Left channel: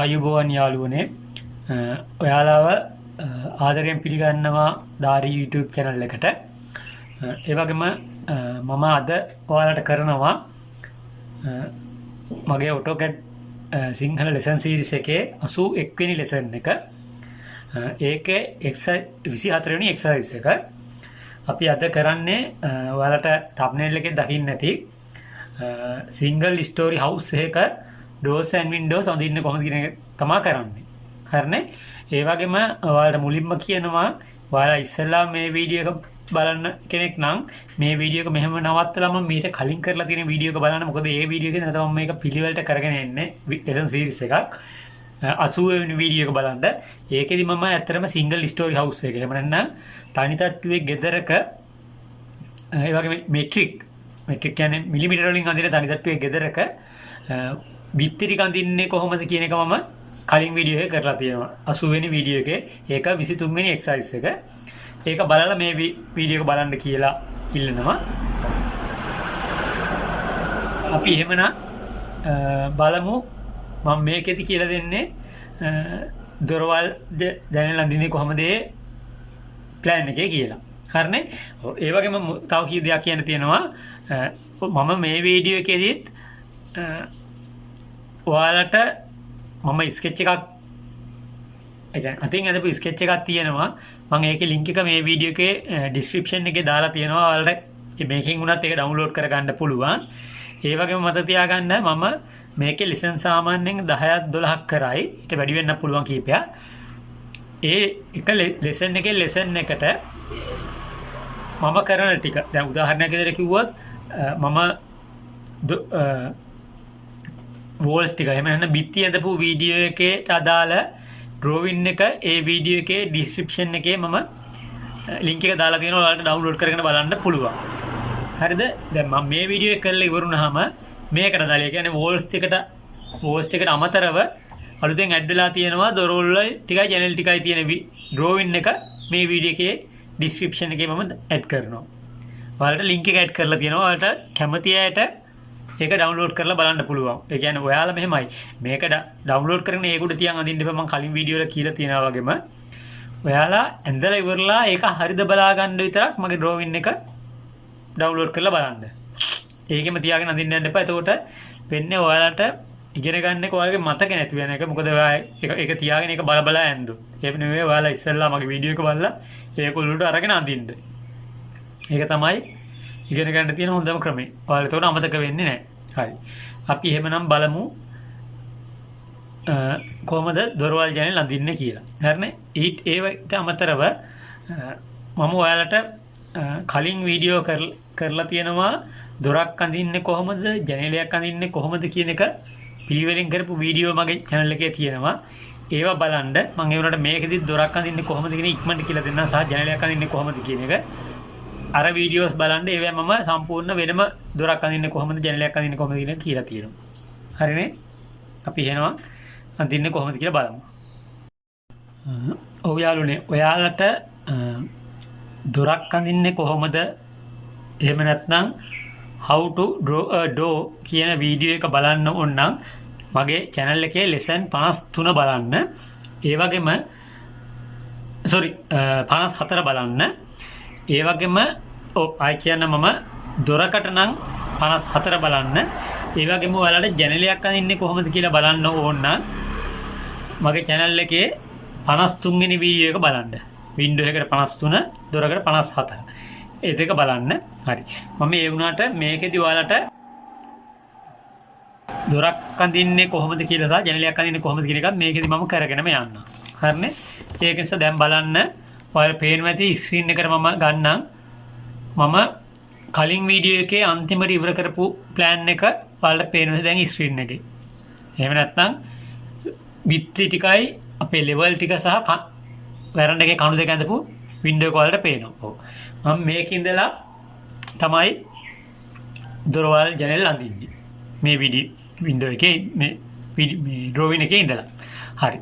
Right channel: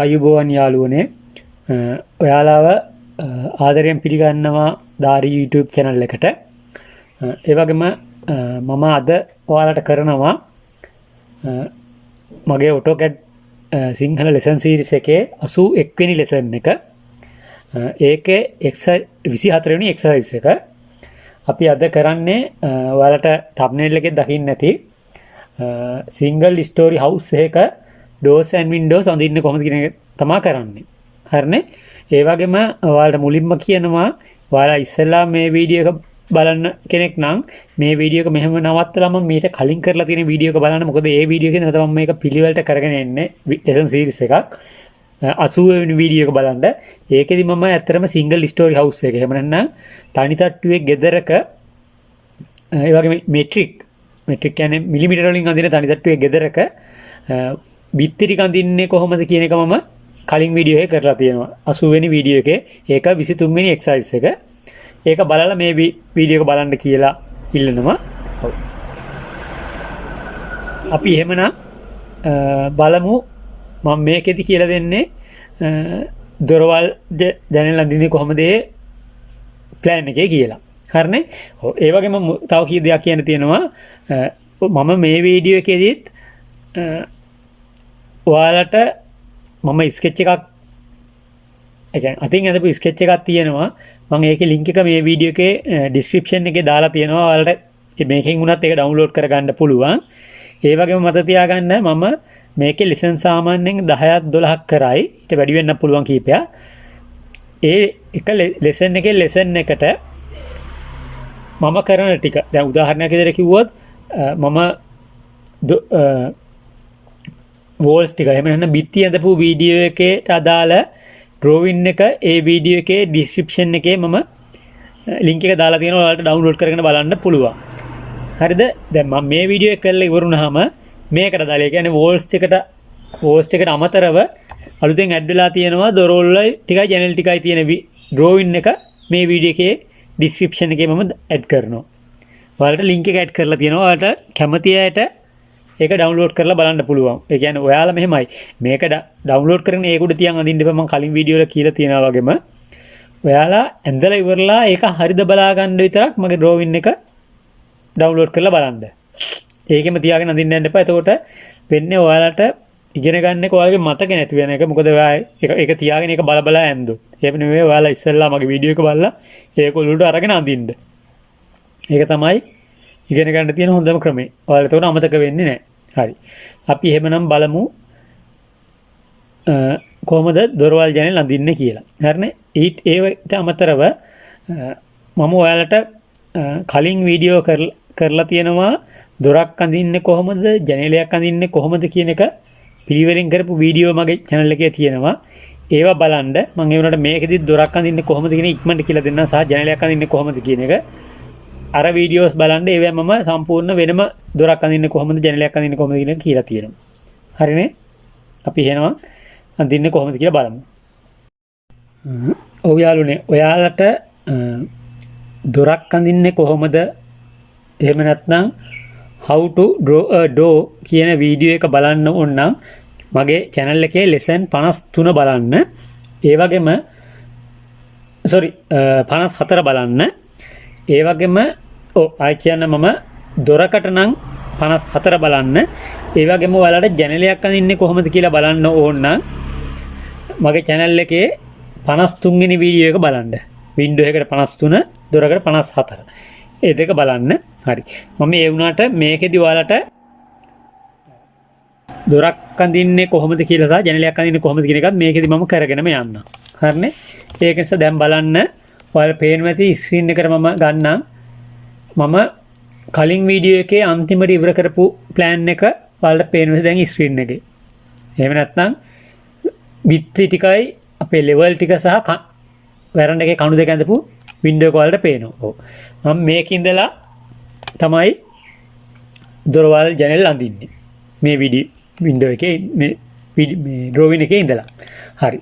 ආයුබෝවන් යාළුවනේ ඔයාලාව ආදරයෙන් පිළිගන්නවා දාරි YouTube channel එකට. ඒ වගේම මම අද ඔයාලට කරනවා මගේ AutoCAD සිංහල lesson series එකේ 81 වෙනි lesson එක. ඒකේ 24 වෙනි exercise එක. අපි අද කරන්නේ ඔයාලට thumbnail එකේ දකින්න නැති single story house එකක doors and windows අඳින්න කොහොමද කියන එක තමයි කරන්නේ. හරිනේ? ඒ වගේම ඔයාලට මුලින්ම කියනවා ඔයාලා ඉස්සෙල්ලා මේ වීඩියෝ එක බලන්න කෙනෙක් නම් මේ වීඩියෝ එක මෙහෙම නවත්තලා මම මීට කලින් කරලා තියෙන වීඩියෝ එක බලන්න. මොකද ඒ වීඩියෝ එකේ තමයි මම මේක පිළිවෙලට කරගෙන එන්නේ lesson series එකක්. 80 වෙනි වීඩියෝ එක බලන්න. ඒකෙදි මම ඇත්තටම single story house එක. එහෙම නැත්නම් තනි තට්ටුවේ ගෙදරක ඒ වගේ මෙට්‍රික් කියන්නේ මිලිමීටර වලින් අඳින තනි තට්ටුවේ ගෙදරක බිත්ති ටික අඳින්නේ කොහොමද කියන එක මම කලින් වීඩියෝ එකේ කරලා තියෙනවා. 80 වෙනි වීඩියෝ එකේ ඒක 23 වෙනි එක්සර්සයිස් එක. ඒක බලලා මේ වීඩියෝ එක බලන්න කියලා ඉල්ලනවා. අපි එහෙමනම් බලමු මම මේකෙදි කියලා දෙන්නේ දොරවල් දැනෙන්න අඳින්නේ කොහොමද ඒ ප්ලෑන් එකේ කියලා. හරිනේ? ඔව් ඒ වගේම තව කී දෙයක් කියන්න තියෙනවා. මම මේ වීඩියෝ එකේදීත් ඔයාලට මම ස්කෙච් එකක් ඒ කියන්නේ අතින් අදපු ස්කෙච් එකක් තියෙනවා. මම ඒකේ link එක මේ වීඩියෝ එකේ description එකේ දාලා තියෙනවා. ඔයාලට මේකෙන් වුණත් ඒක download කරගන්න පුළුවන්. ඒ වගේම මතක තියාගන්න මම මේකේ lesson සාමාන්‍යයෙන් 10ක් 12ක් කරයි. ඊට වැඩි වෙන්න පුළුවන් කීපයක්. ඒ එක lesson එකේ lesson එකට මම කරන ටික දැන් උදාහරණයක් විදිහට කිව්වොත් මම වෝල්ස් ටික එහෙම නැත්නම් බිත්ති ඇඳපු වීඩියෝ එකේට අදාළ drawing එක ඒ වීඩියෝ එකේ description එකේ මම link එක දාලා තියෙනවා. ඔයාලට download කරගෙන බලන්න පුළුවන්. හරිද? දැන් මම මේ වීඩියෝ එක කරලා ඉවරුනහම මේකට දාලා ඒ කියන්නේ වෝල්ස් එකට අමතරව අලුතෙන් ඇඩ් වෙලා තියෙනවා දොරවල් ටිකයි channel ටිකයි තියෙන drawing එක මේ වීඩියෝ එකේ description එකේ මම ඇඩ් කරනවා. ඔයාලට link එක ඇඩ් කරලා තියෙනවා. ඔයාලට කැමති අයට ඒක download කරලා බලන්න පුළුවන්. ඒ කියන්නේ ඔයාලා මෙහෙමයි මේක download කරගෙන ඒක උඩ තියන් අඳින්න එපා. මම කලින් වීඩියෝ වල කියලා තියෙනවා වගේම ඔයාලා ඇඳලා ඉවරලා ඒක හරිද බලා ගන්න විතරක් මගේ drawing එක download කරලා බලන්න. ඒකෙම තියාගෙන අඳින්න යන්න එපා. එතකොට වෙන්නේ ඔයාලට ඉගෙන ගන්න එක ඔයාලගේ මතක නැති වෙන එක. මොකද ඔයා ඒක තියාගෙන ඒක බල බලා ඇඳුත්. ඒක නෙවෙයි ඔයාලා ඉස්සෙල්ලා මගේ වීඩියෝ එක බලලා ඒක උඩට අරගෙන අඳින්න. ඒක තමයි ඉගෙන ගන්න තියෙන හොඳම ක්‍රමය. ඔයාලා එතකොට අමතක වෙන්නේ නැහැ. හරි. අපි එහෙමනම් බලමු කොහොමද දොරවල් ජනෙල් අඳින්නේ කියලා. හරිනේ? ඒවට අමතරව මම ඔයාලට කලින් වීඩියෝ කරලා තියෙනවා දොරක් අඳින්නේ කොහොමද, ජනෙලයක් අඳින්නේ කොහොමද කියන එක පිළිවෙලින් කරපු වීඩියෝ මගේ channel එකේ තියෙනවා. ඒවා බලන්න මම ඒ වුණාට මේකෙදි දොරක් අඳින්නේ කොහොමද කියන ඉක්මනට කියලා දෙන්නම් සහ ජනෙලයක් අඳින්නේ කොහොමද කියන එක. අර වීඩියෝස් බලන්න ඒවා මම සම්පූර්ණ වෙනම දොරක් අඳින්නේ කොහොමද ජනෙලයක් අඳින්නේ කොහොමද කියන එක කියලා තියෙනවා. හරිනේ? අපි එහෙනම් අඳින්නේ කොහොමද කියලා බලමු. ඔව් යාළුවනේ ඔයාලට දොරක් අඳින්නේ කොහොමද එහෙම නැත්නම් how to draw a door කියන වීඩියෝ එක බලන්න ඕන නම් මගේ channel එකේ lesson 53 බලන්න. ඒ වගේම 54 බලන්න. ඒ වගේම ආයි කියන්න මම දොරකට නම් 54 බලන්න. ඒ වගේම ඔයාලට ජනෙලයක් අඳින්නේ කොහොමද කියලා බලන්න ඕන නම් මගේ channel එකේ 53 වෙනි වීඩියෝ එක බලන්න. window එකට 53 දොරකට 54. ඒ දෙක බලන්න. හරි. මම ඒ වුණාට මේකෙදි ඔයාලට දොරක් අඳින්නේ කොහොමද කියලා සහ ජනෙලයක් අඳින්නේ කොහොමද කියන එකත් මේකෙදි මම කරගෙනම යන්න. හරිනේ? ඒක නිසා දැන් බලන්න ඔයාලා පේනවා ඇති ස්ක්‍රීන් එකට මම ගන්නම්. මම කලින් වීඩියෝ එකේ අන්තිමට ඉවර කරපු ප්ලෑන් එක ඔයාලට පේනවා දැන් ස්ක්‍රීන් එකේ. එහෙම නැත්නම් බිත්ති ටිකයි අපේ ලෙවල් ටික සහ වැරන්ඩ එකේ කණු දෙක ඇඳපු වින්ඩෝ එක ඔයාලට පේනවා. ඔව්. මම මේකේ ඉඳලා තමයි දොරවල් ජනෙල් අඳින්නේ. මේ වින්ඩෝ එකේ මේ drawing එකේ ඉඳලා. හරි.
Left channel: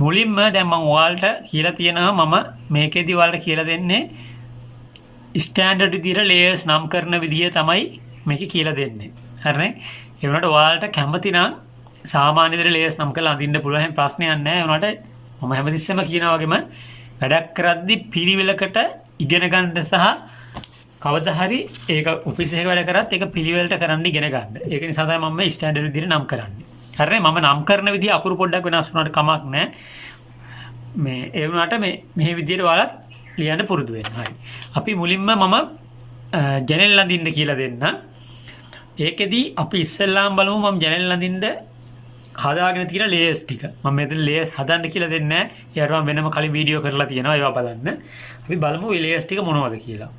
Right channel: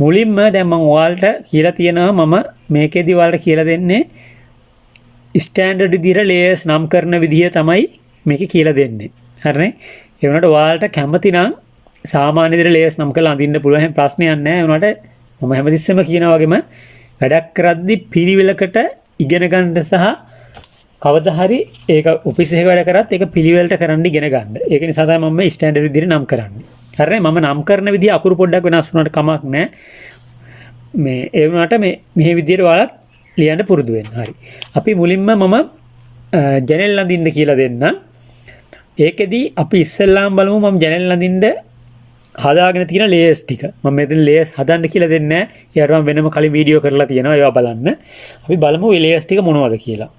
මුලින්ම දැන් මම ඔයාලට කියලා තියෙනවා මම මේකෙදි ඔයාලට කියලා දෙන්නේ ස්ටෑන්ඩඩ් විදිහට ලේයර්ස් නම් කරන විදිහ තමයි මේක කියලා දෙන්නේ. හරිනේ? ඒ වුණාට ඔයාලට කැමති නම් සාමාන්‍ය විදිහට ලේයර්ස් නම් කරලා අඳින්න පුළුවන් හැම ප්‍රශ්නයක් නැහැ. උනාට මම හැමතිස්සෙම කියනා වගේම වැඩක් කරද්දි පිළිවෙලකට ඉගෙන ගන්න සහ කවදා හරි ඒක ඔෆිස් එකක වැඩ කරත් ඒක පිළිවෙලට කරන්න ඉගෙන ගන්න. ඒක නිසා තමයි මම මේ ස්ටෑන්ඩඩ් විදිහට නම් කරන්නේ. හරිනේ මම නම් කරන විදිහ අකුරු පොඩ්ඩක් වෙනස් වුණාට කමක් නැහැ. මේ ඒ වුණාට මේ විදිහට ඔයාලත් ලියන්න පුරුදු වෙන්න. හරි. අපි මුලින්ම මම ජනෙල් අඳින්න කියලා දෙන්න. ඒකෙදි අපි ඉස්සෙල්ලාම බලමු මම ජනෙල් අඳින්න හදාගෙන තියෙන ලේයර්ස් ටික. මම මෙතන ලේයර්ස් හදන්න කියලා දෙන්නේ නැහැ. ඒකට මම වෙනම කලින් වීඩියෝ කරලා තියෙනවා. ඒවා බලන්න. අපි බලමු මේ ලේයර්ස් ටික මොනවද කියලා.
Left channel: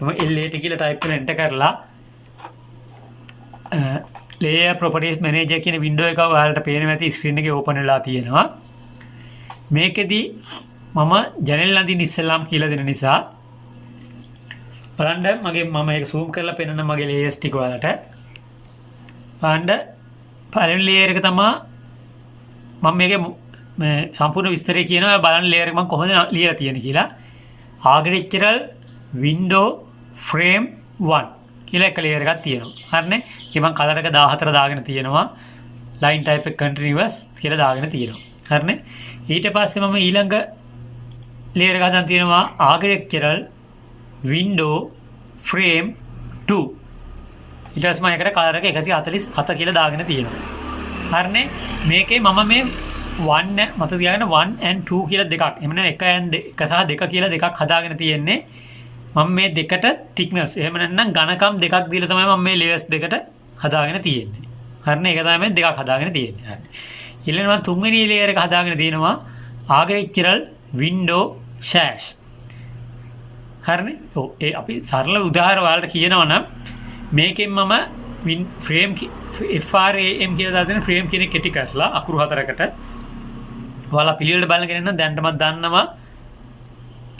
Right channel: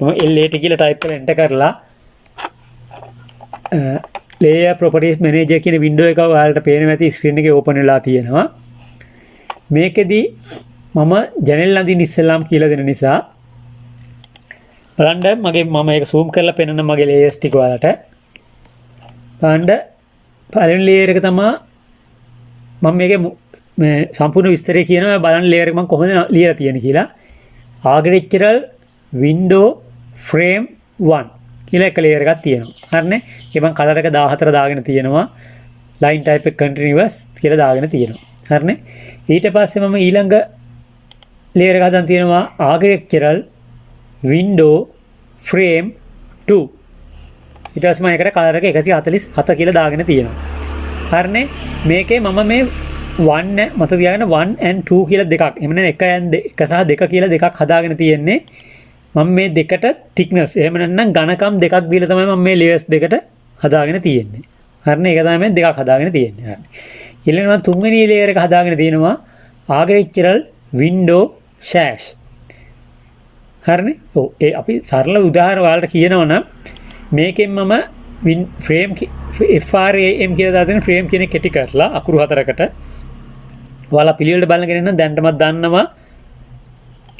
මම LAT කියලා ටයිප් කරලා එන්ටර් කරලා layer properties manager කියන වින්ඩෝ එක ඔයාලට පේනවා ඇති ස්ක්‍රීන් එකේ ඕපන් වෙලා තියෙනවා. මේකෙදි මම ජනෙල් අඳින්න ඉස්සෙල්ලාම කියලා දෙන නිසා බලන්න මම ඒක zoom කරලා පෙන්නන මගේ layers ටික ඔයාලට. බලන්න පළවෙනි layer එක තමයි මම මේකේ මේ සම්පූර්ණ විස්තරය කියනවා බලන්න layer එක මම කොහොමද ලියලා තියෙන්නේ කියලා. architectural window frame 1 කියලා එක layer එකක් තියෙනවා. හරිනේ. ඒක මම කලර් එක 14 දාගෙන තියෙනවා. line type එක continuous කියලා දාගෙන තියෙනවා. හරිනේ. ඊට පස්සේ මම ඊළඟ layer එක හදන් තියෙනවා architectural window frame 2. ඊට පස්සේ මම ඒකට කලර් එක 147 කියලා දාගෙන තියෙනවා. හරිනේ. මේකේ මම මේ 1 මත තියාගෙන 1 and 2 කියලා දෙකක්. එහෙම නැත්නම් 1 සහ 2 කියලා දෙකක් හදාගෙන තියෙන්නේ. මම මේ දෙකට thickness එහෙම නැත්නම් ඝනකම් දෙකක් දීලා තමයි මම මේ layers දෙකට හදාගෙන තියෙන්නේ. හරිනේ. ඒක තමයි මම දෙකක් හදාගෙන තියෙන්නේ. හරි. ඊළඟට මම තුන්වෙනි layer එක හදාගෙන තියෙනවා architectural window sash. හරිනේ. ඔව් ඒ අපි සරල උදාහරණ වලට කියනවනම් මේකෙන් මම frame FRAM කියලා දාගෙන frame කියන කෙටි කරලා අකුරු හතරකට ඔයාලා පිළිවෙලට බලගෙන ඉන්න දැන්ටමත් දන්නවා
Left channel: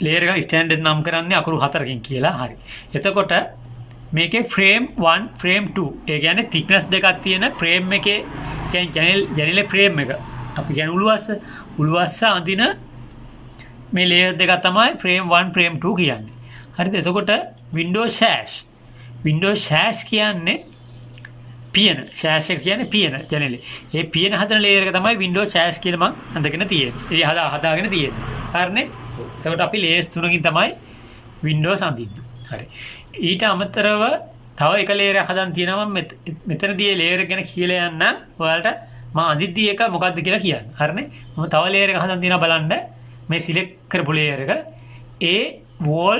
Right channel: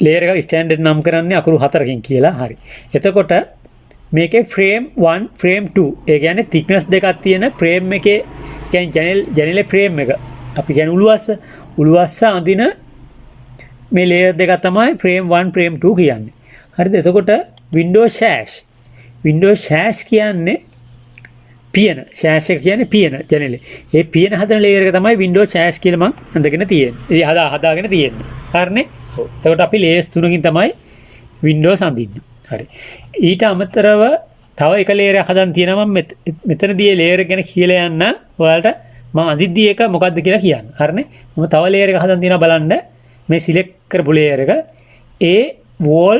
layer එක ස්ටෑන්ඩඩ් නම් කරන්නේ අකුරු 4කින් කියලා. හරි. එතකොට මේකේ frame 1 frame 2 ඒ කියන්නේ thickness දෙකක් තියෙන frame එකේ කියන්නේ ජනෙලේ frame එක. අපි කියන්නේ උළුවස්ස අඳින මේ layer දෙක තමයි frame 1 frame 2 කියන්නේ. හරිද? එතකොට window sash කියන්නේ පියන. sash එක කියන්නේ පියන ජනෙලේ. ඒ පියන හදන layer එක තමයි window sash කියලා මම අඳගෙන තියෙන්නේ. ඒ හදාගෙන තියෙන්නේ. හරිනේ? එතකොට අපි layers 3කින් තමයි Windows අඳින්නේ. හරි. ඊට අමතරව තව එක layer එකක් හදන් තියෙනවා මම මෙතනදී layer එක ගැන කියලා යන්න ඔයාලට මම අඳිද්දී එක මොකද්ද කියලා කියන්න. හරිනේ? මම තව layer එකක් හදන් තියෙනවා බලන්න. මේ select කරපු layer එක wall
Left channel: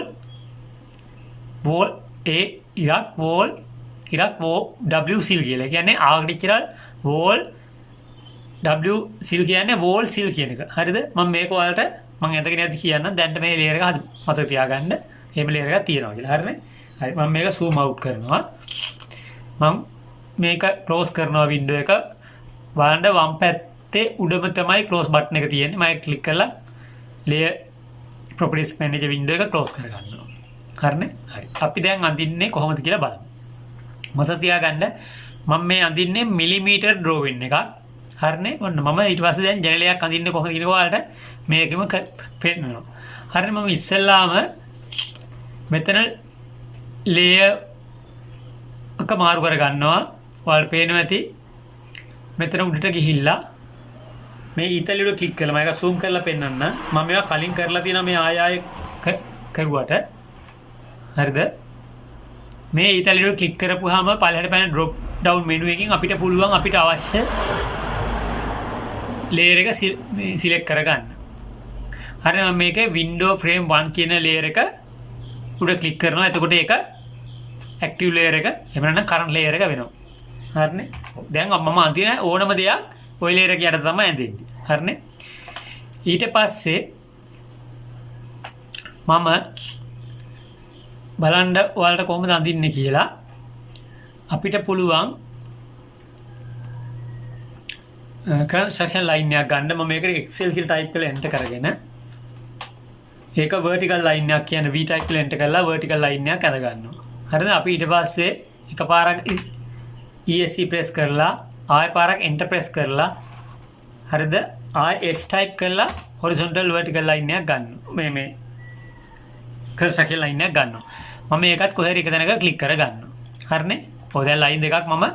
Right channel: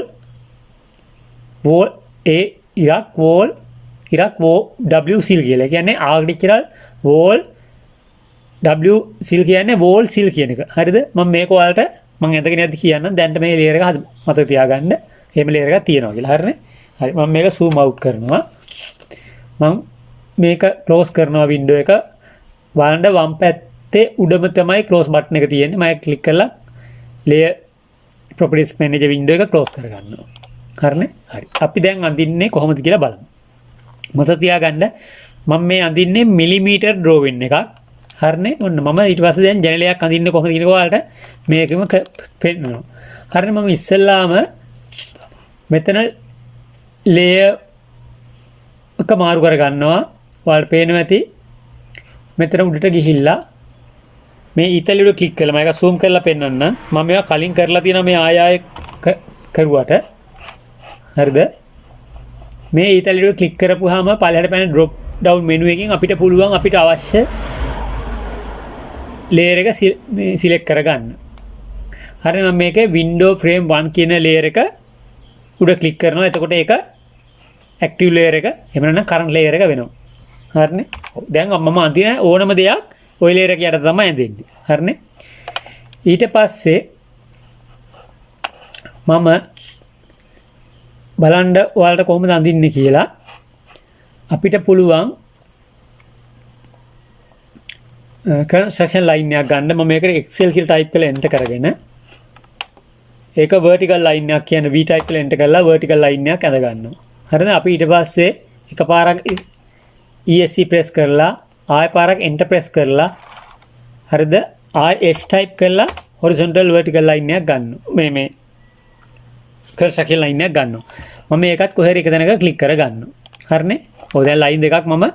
W seal කියලා. ඒ කියන්නේ architectural wall W seal කියන්නේ wall seal කියන එක. හරිද? මම මේක ඔයාලට මම ඇඳගෙන යද්දි කියන්නම් දැන්ට මේ layer එක මතක තියාගන්න. එහෙම layer එකක් තියෙනවා කියලා. හරිනේ? හරි. මම මේක zoom out කරනවා. මම මේක close කරනවා window එක. බලන්න වම් පැත්තේ උඩම තමයි close button එක තියෙන්නේ. මම ඒක click කරලා layer properties manager window එක close කරගන්නවා. හරිනේ? හරි. අපි දැන් අඳින්නේ කොහොමද කියලා බලමු. මතක තියාගන්න මම මේ අඳින්නේ millimeter drawing එකක්. හරිනේ? ඔන්න මම ඊට පස්සේ දැන් ජනලයක් අඳින්නේ කොහොමද කියන ඔයාලට මේකෙම පෙන්නනවා. හරිනේ මම ඉස්සෙල්ලාම මෙතන layer එක මාරු කර ගන්නවා. ඔයාලට පේනවා ඇති. මෙතන උඩට ගිහිල්ලා මේ ඊතලියට ක්ලික් කරලා මම ඒක zoom කරලා පෙන්නන්න. මම මේවා කලින් කරලා තියෙනවා මේ ආය කරුවට. හරිද? මේ ඊතලියට ක්ලික් කරපුවාම පළහැට පැන drop down menu එකකින් අපිට පුළුවන් අපිට අවශ්‍ය layer එක select කරගන්න. හරි මම මේකේ window frame 1 කියන layer එක උඩ click කරනවා. එතකොට ඒක active layer එක එහෙම නැත්නම් current layer එක වෙනවා. හරිනේ? දැන් මම අඳින ඕනම දෙයක් ওই layer එක යට තමයි ඇඳෙන්නේ. හරිනේ? ඊට පස්සේ මම බලන්න ඔයාලට කොහොමද අඳින්නේ කියලා අපිට පුළුවන් construction line එකක් ගන්න. මම මේකට Excel කියලා type කරලා enter කරගෙන ඒක vertical line එකක් කියන්නේ V type කරලා enter කරලා vertical line එකක් ඇඳ ගන්නවා. හරිද? අපි ඊට පස්සේ එකපාරක් ESC press කරලා ආය පාරක් enter press කරලා හරිද? ආය H type කරලා horizontal vertical line එකක් ගන්නවා. මේ construction line එකක් ගන්නවා. මම මේකත් කොහේ හරි එක තැනක click කර ගන්නවා. හරිනේ? ඔය දැන් line දෙකක් මම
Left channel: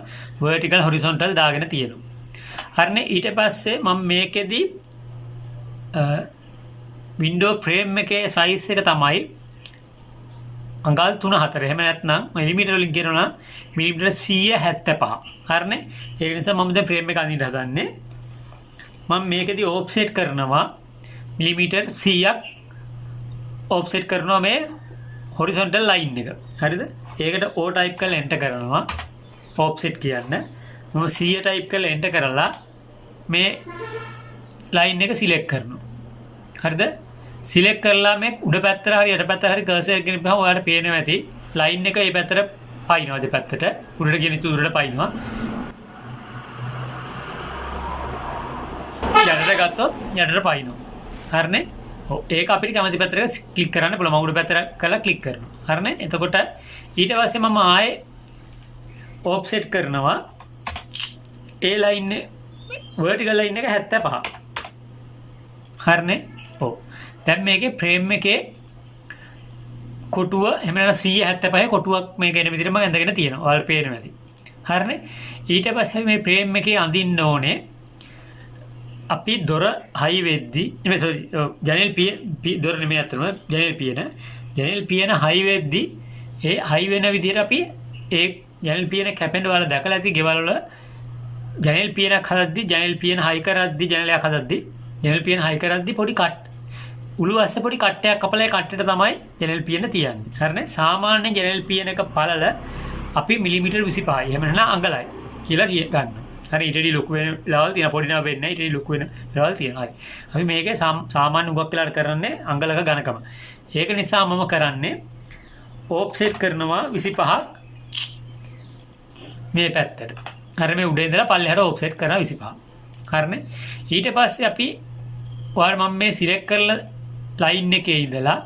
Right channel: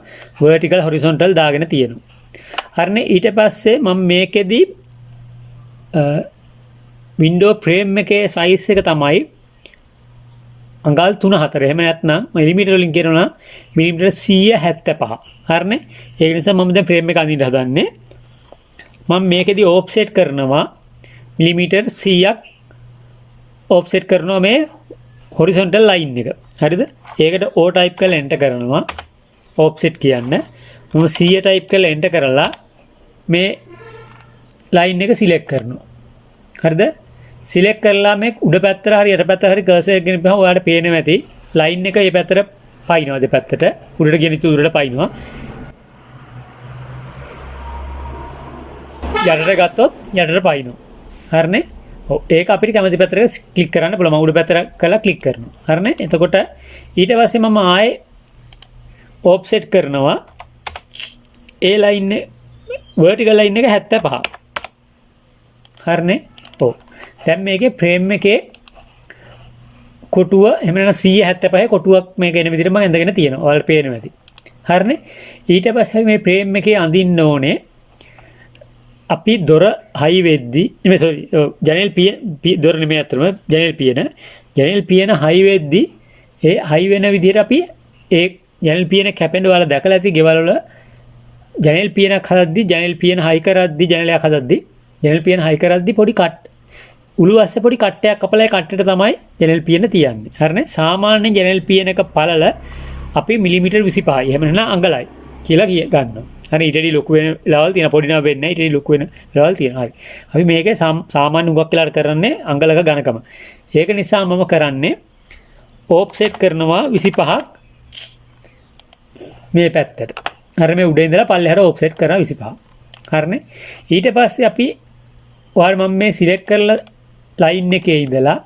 vertical horizontal දාගෙන තියෙනවා. හරිනේ ඊට පස්සේ මම මේකෙදි වින්ඩෝ ෆ්‍රේම් එකේ සයිස් එක තමයි අඟල් 3-4. එහෙම නැත්නම් මිලිමීටර වලින් කියනවා මිලිමීටර 175. හරිනේ. ඒක නිසා මම දැන් ෆ්‍රේම් එක අඳින්න හදන්නේ. මම මේකෙදි ඕෆ්සෙට් කරනවා මිලිමීටර 100ක් ඕෆ්සෙට් කරනවා මේ හොරිසොන්ටල් ලයින් එක. හරිද? ඒකට O ටයිප් කරලා එන්ටර් කරනවා. ඕෆ්සෙට් කියන්නේ. මම 100 ටයිප් කරලා එන්ටර් කරලා මේ ලයින් එක සිලෙක්ට් කරනවා. හරිද? සිලෙක්ට් කරලා මේ උඩ පැත්තට හරි යට පැත්තට හරි කර්සර් එක ගෙනියපුවම ඔයාලට පේනවා ඇති ලයින් එක මේ පැත්තට පයින්නවා දෙපැත්තට උඩට ගෙනිච්ච උඩට පයින්නවා. යටට ගත්තොත් යටට පයින්නවා. හරිනේ? ඔව් ඒක අපිට කැමති පැත්තට ක්ලික් කරන්න පුළුවන්. මම උඩ පැත්තට කරලා ක්ලික් කරනවා. හරිනේ? එතකොට ඊට පස්සේ මම ආයේ ඔෆ්සෙට් කරනවා ඒ ලයින් එක vertical line එක 75. හරිනේ? ඔව්. දැන් මේකේ ෆ්‍රේම් එකේ කොටුව එහෙම නැත්නම් 175 කොටුවක් මේක එන විදිහට මම ඇඳගෙන තියෙනවා. ඔයාලට පේනවා ඇති. හරිනේ? ඊට පස්සේ මේ ෆ්‍රේම් එකේ අඳින්න ඕනේ අපි දොර හයි වෙද්දි නෙමෙයි සෝරි ජනෙල් දොර නෙමෙයි අතරම ජනෙල් පියන හයි වෙද්දි ඒ හයි වෙන විදිහට අපි ඒ ජනෙල් පියන කැපෙන්න ඔයාලා දැකලා ඇති ගෙවල් වල ජනෙල් පියනක් හදද්දි ජනෙල් පියන හයි කරද්දි ජනෙලයක් හදද්දි ජනෙල් පියන හයි කරද්දි පොඩි උළු අස්සේ පොඩි කට්ටයක් කපලා ඒ කට්ටෙට තමයි ජනෙල් පියන තියන්නේ. හරිනේ? සාමාන්‍ය ජනෙල් පියනක පළල අපි මිලිමීටර් 25යි. එහෙම නැත්නම් අඟලයි කියලා ගන්නවා. හරි ඊටදී ලොකු වෙන ලෙවල් තියෙන පොඩි නම වෙන්නේ නැහැ. ඊටදී ලොකු වෙන ලෙවල් තියෙනවා. හරි. අපි මේකේ සාමාන්‍ය උගක් වෙලාට කරන්නේ අඟලක ඝනකම. ඒක නිසා මම කරන්නේ ඕෆ්සෙට් කරනවා 25ක් මේ පැත්තට. හරි මේ උඩින් ඉඳලා පල්ලෙහාට ඕෆ්සෙට් කරනවා 25. හරිනේ? ඊට පස්සේ අපි ඔයාලා මම මේ සිලෙක්ට් කරලා ලයින් එකේ ඉඳලා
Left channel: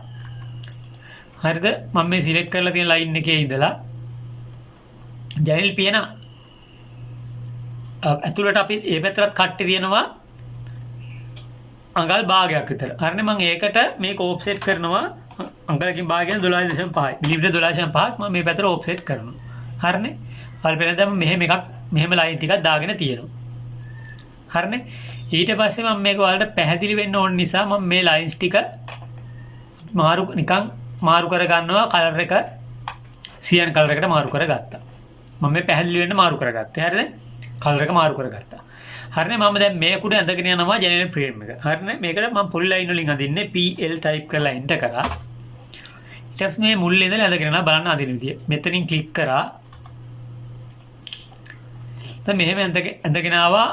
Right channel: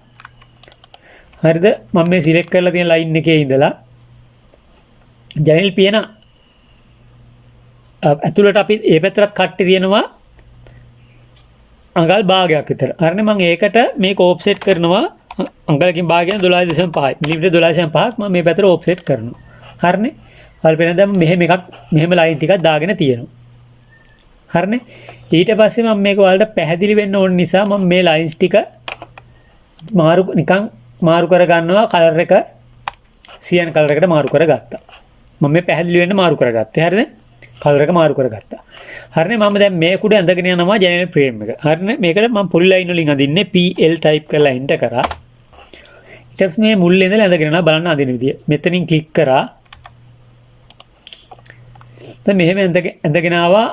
හරිද? මම මේ සිලෙක්ට් කරලා තියෙන ලයින් එකේ ඉඳලා ජනෙල් පියන ඇතුළට අපි ඒ පැත්තට කට්ටි තියෙනවා අඟල් භාගයක් විතර. හරිනේ? මම ඒකට මේක ඕෆ්සෙට් කරනවා අඟලකින් භාගයෙන් 12.5යි. මිලිමීටර 12.5ක් මම මේ පැත්තට ඕෆ්සෙට් කරනවා. හරිනේ? ඔයාලා පේන දැන් මෙහෙම ලයින් ටිකක් දාගෙන තියෙනවා. හරිනේ? ඊට පස්සේ මම මේක ඔයාලට පැහැදිලි වෙන්න ඕන නිසා මම මේ ලයින්ස් ටික මාරු කර ගන්නවා කලර් එක සියන් කලර් එකට මාරු කරගත්තා. මම මේ පැහැදිලි වෙන්න මාරු කරගත්තා. හරිනේ? කලර් එක මාරු කරගත්තා. හරිනේ? මම දැන් මේක උඩ ඇඳගෙන යනවා ජනෙල් ෆ්‍රේම් එක. හරිනේ? මේකට මම පොලි ලයින් වලින් අදින්නේ PL ටයිප් කරලා එන්ටර් කරා. ඊට පස්සේ මේ මුල් ඉඳලා ඇඳගෙන යනවා බලන්න අදින විදිය. මෙතනින් ක්ලික් කරා. දැන් මෙහෙම ඇඳගෙන ආවා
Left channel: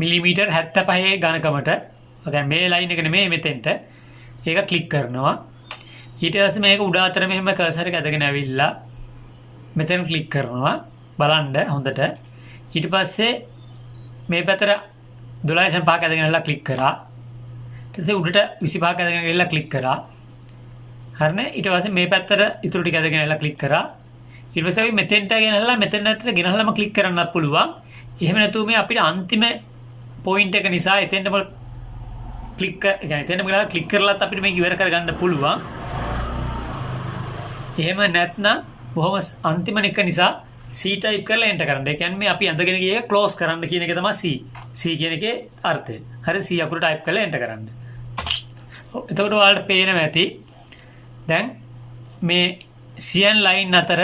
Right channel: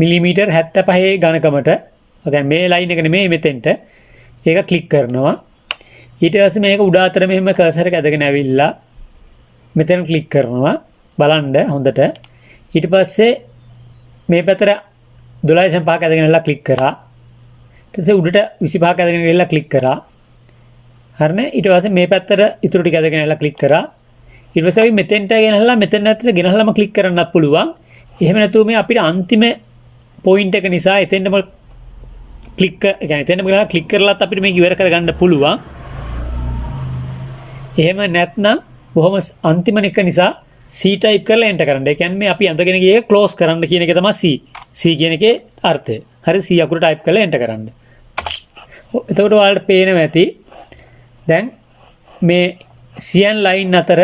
මිලිමීටර් 75 ඝනකමට. ඒ කියන්නේ මේ ලයින් එක නෙමෙයි මෙතෙන්ට. ඒක ක්ලික් කරනවා. ඊට පස්සේ මේක උඩ අතර මෙහෙම කර්සර් එක ඇදගෙන ඇවිල්ලා මෙතන ක්ලික් කරනවා. බලන්න හොඳට. ඊට පස්සේ මේ පැත්තට 12.5ක් ඇදගෙන ඉල්ලලා ක්ලික් කරා. ඊට පස්සේ උඩට 25ක් ඇදගෙන ඉල්ලලා ක්ලික් කරා. හරිනේ? ඊට පස්සේ මේ පැත්තට ඉතුරු ටික ඇදගෙන ඉල්ලලා ක්ලික් කරා. ඊට පස්සේ අපි මෙතෙන්ට ගෙනහලා මෙතන ඇත්තට ගෙනහලාම ක්ලික් කරන්නත් පුළුවන්. එහෙම නැතුව මේ අපිට අන්තිම පොයින්ට් එක නිසා එතෙන්ටම ක්ලික් එතෙන්ටම ගිහලා ක්ලික් කරලත් අපිට මේක ඉවර කරගන්න පුළුවන්. එහෙම නැත්නම් බොහොම අන්තිම එක නිසා C ටයිප් කරලා එන්ටර් කරන්න. ඒ කියන්නේ මේ අපි අඳගෙන ගියේ ක්ලෝස් කරන්න කියන එක තමයි C. C කියන එකේ අර්ථය. හරි C අකුර ටයිප් කරලා එන්ටර් කරන්න. එතකොට ඔයාලට පේනවා ඇති දැන් මේ සියන් ලයින් අතර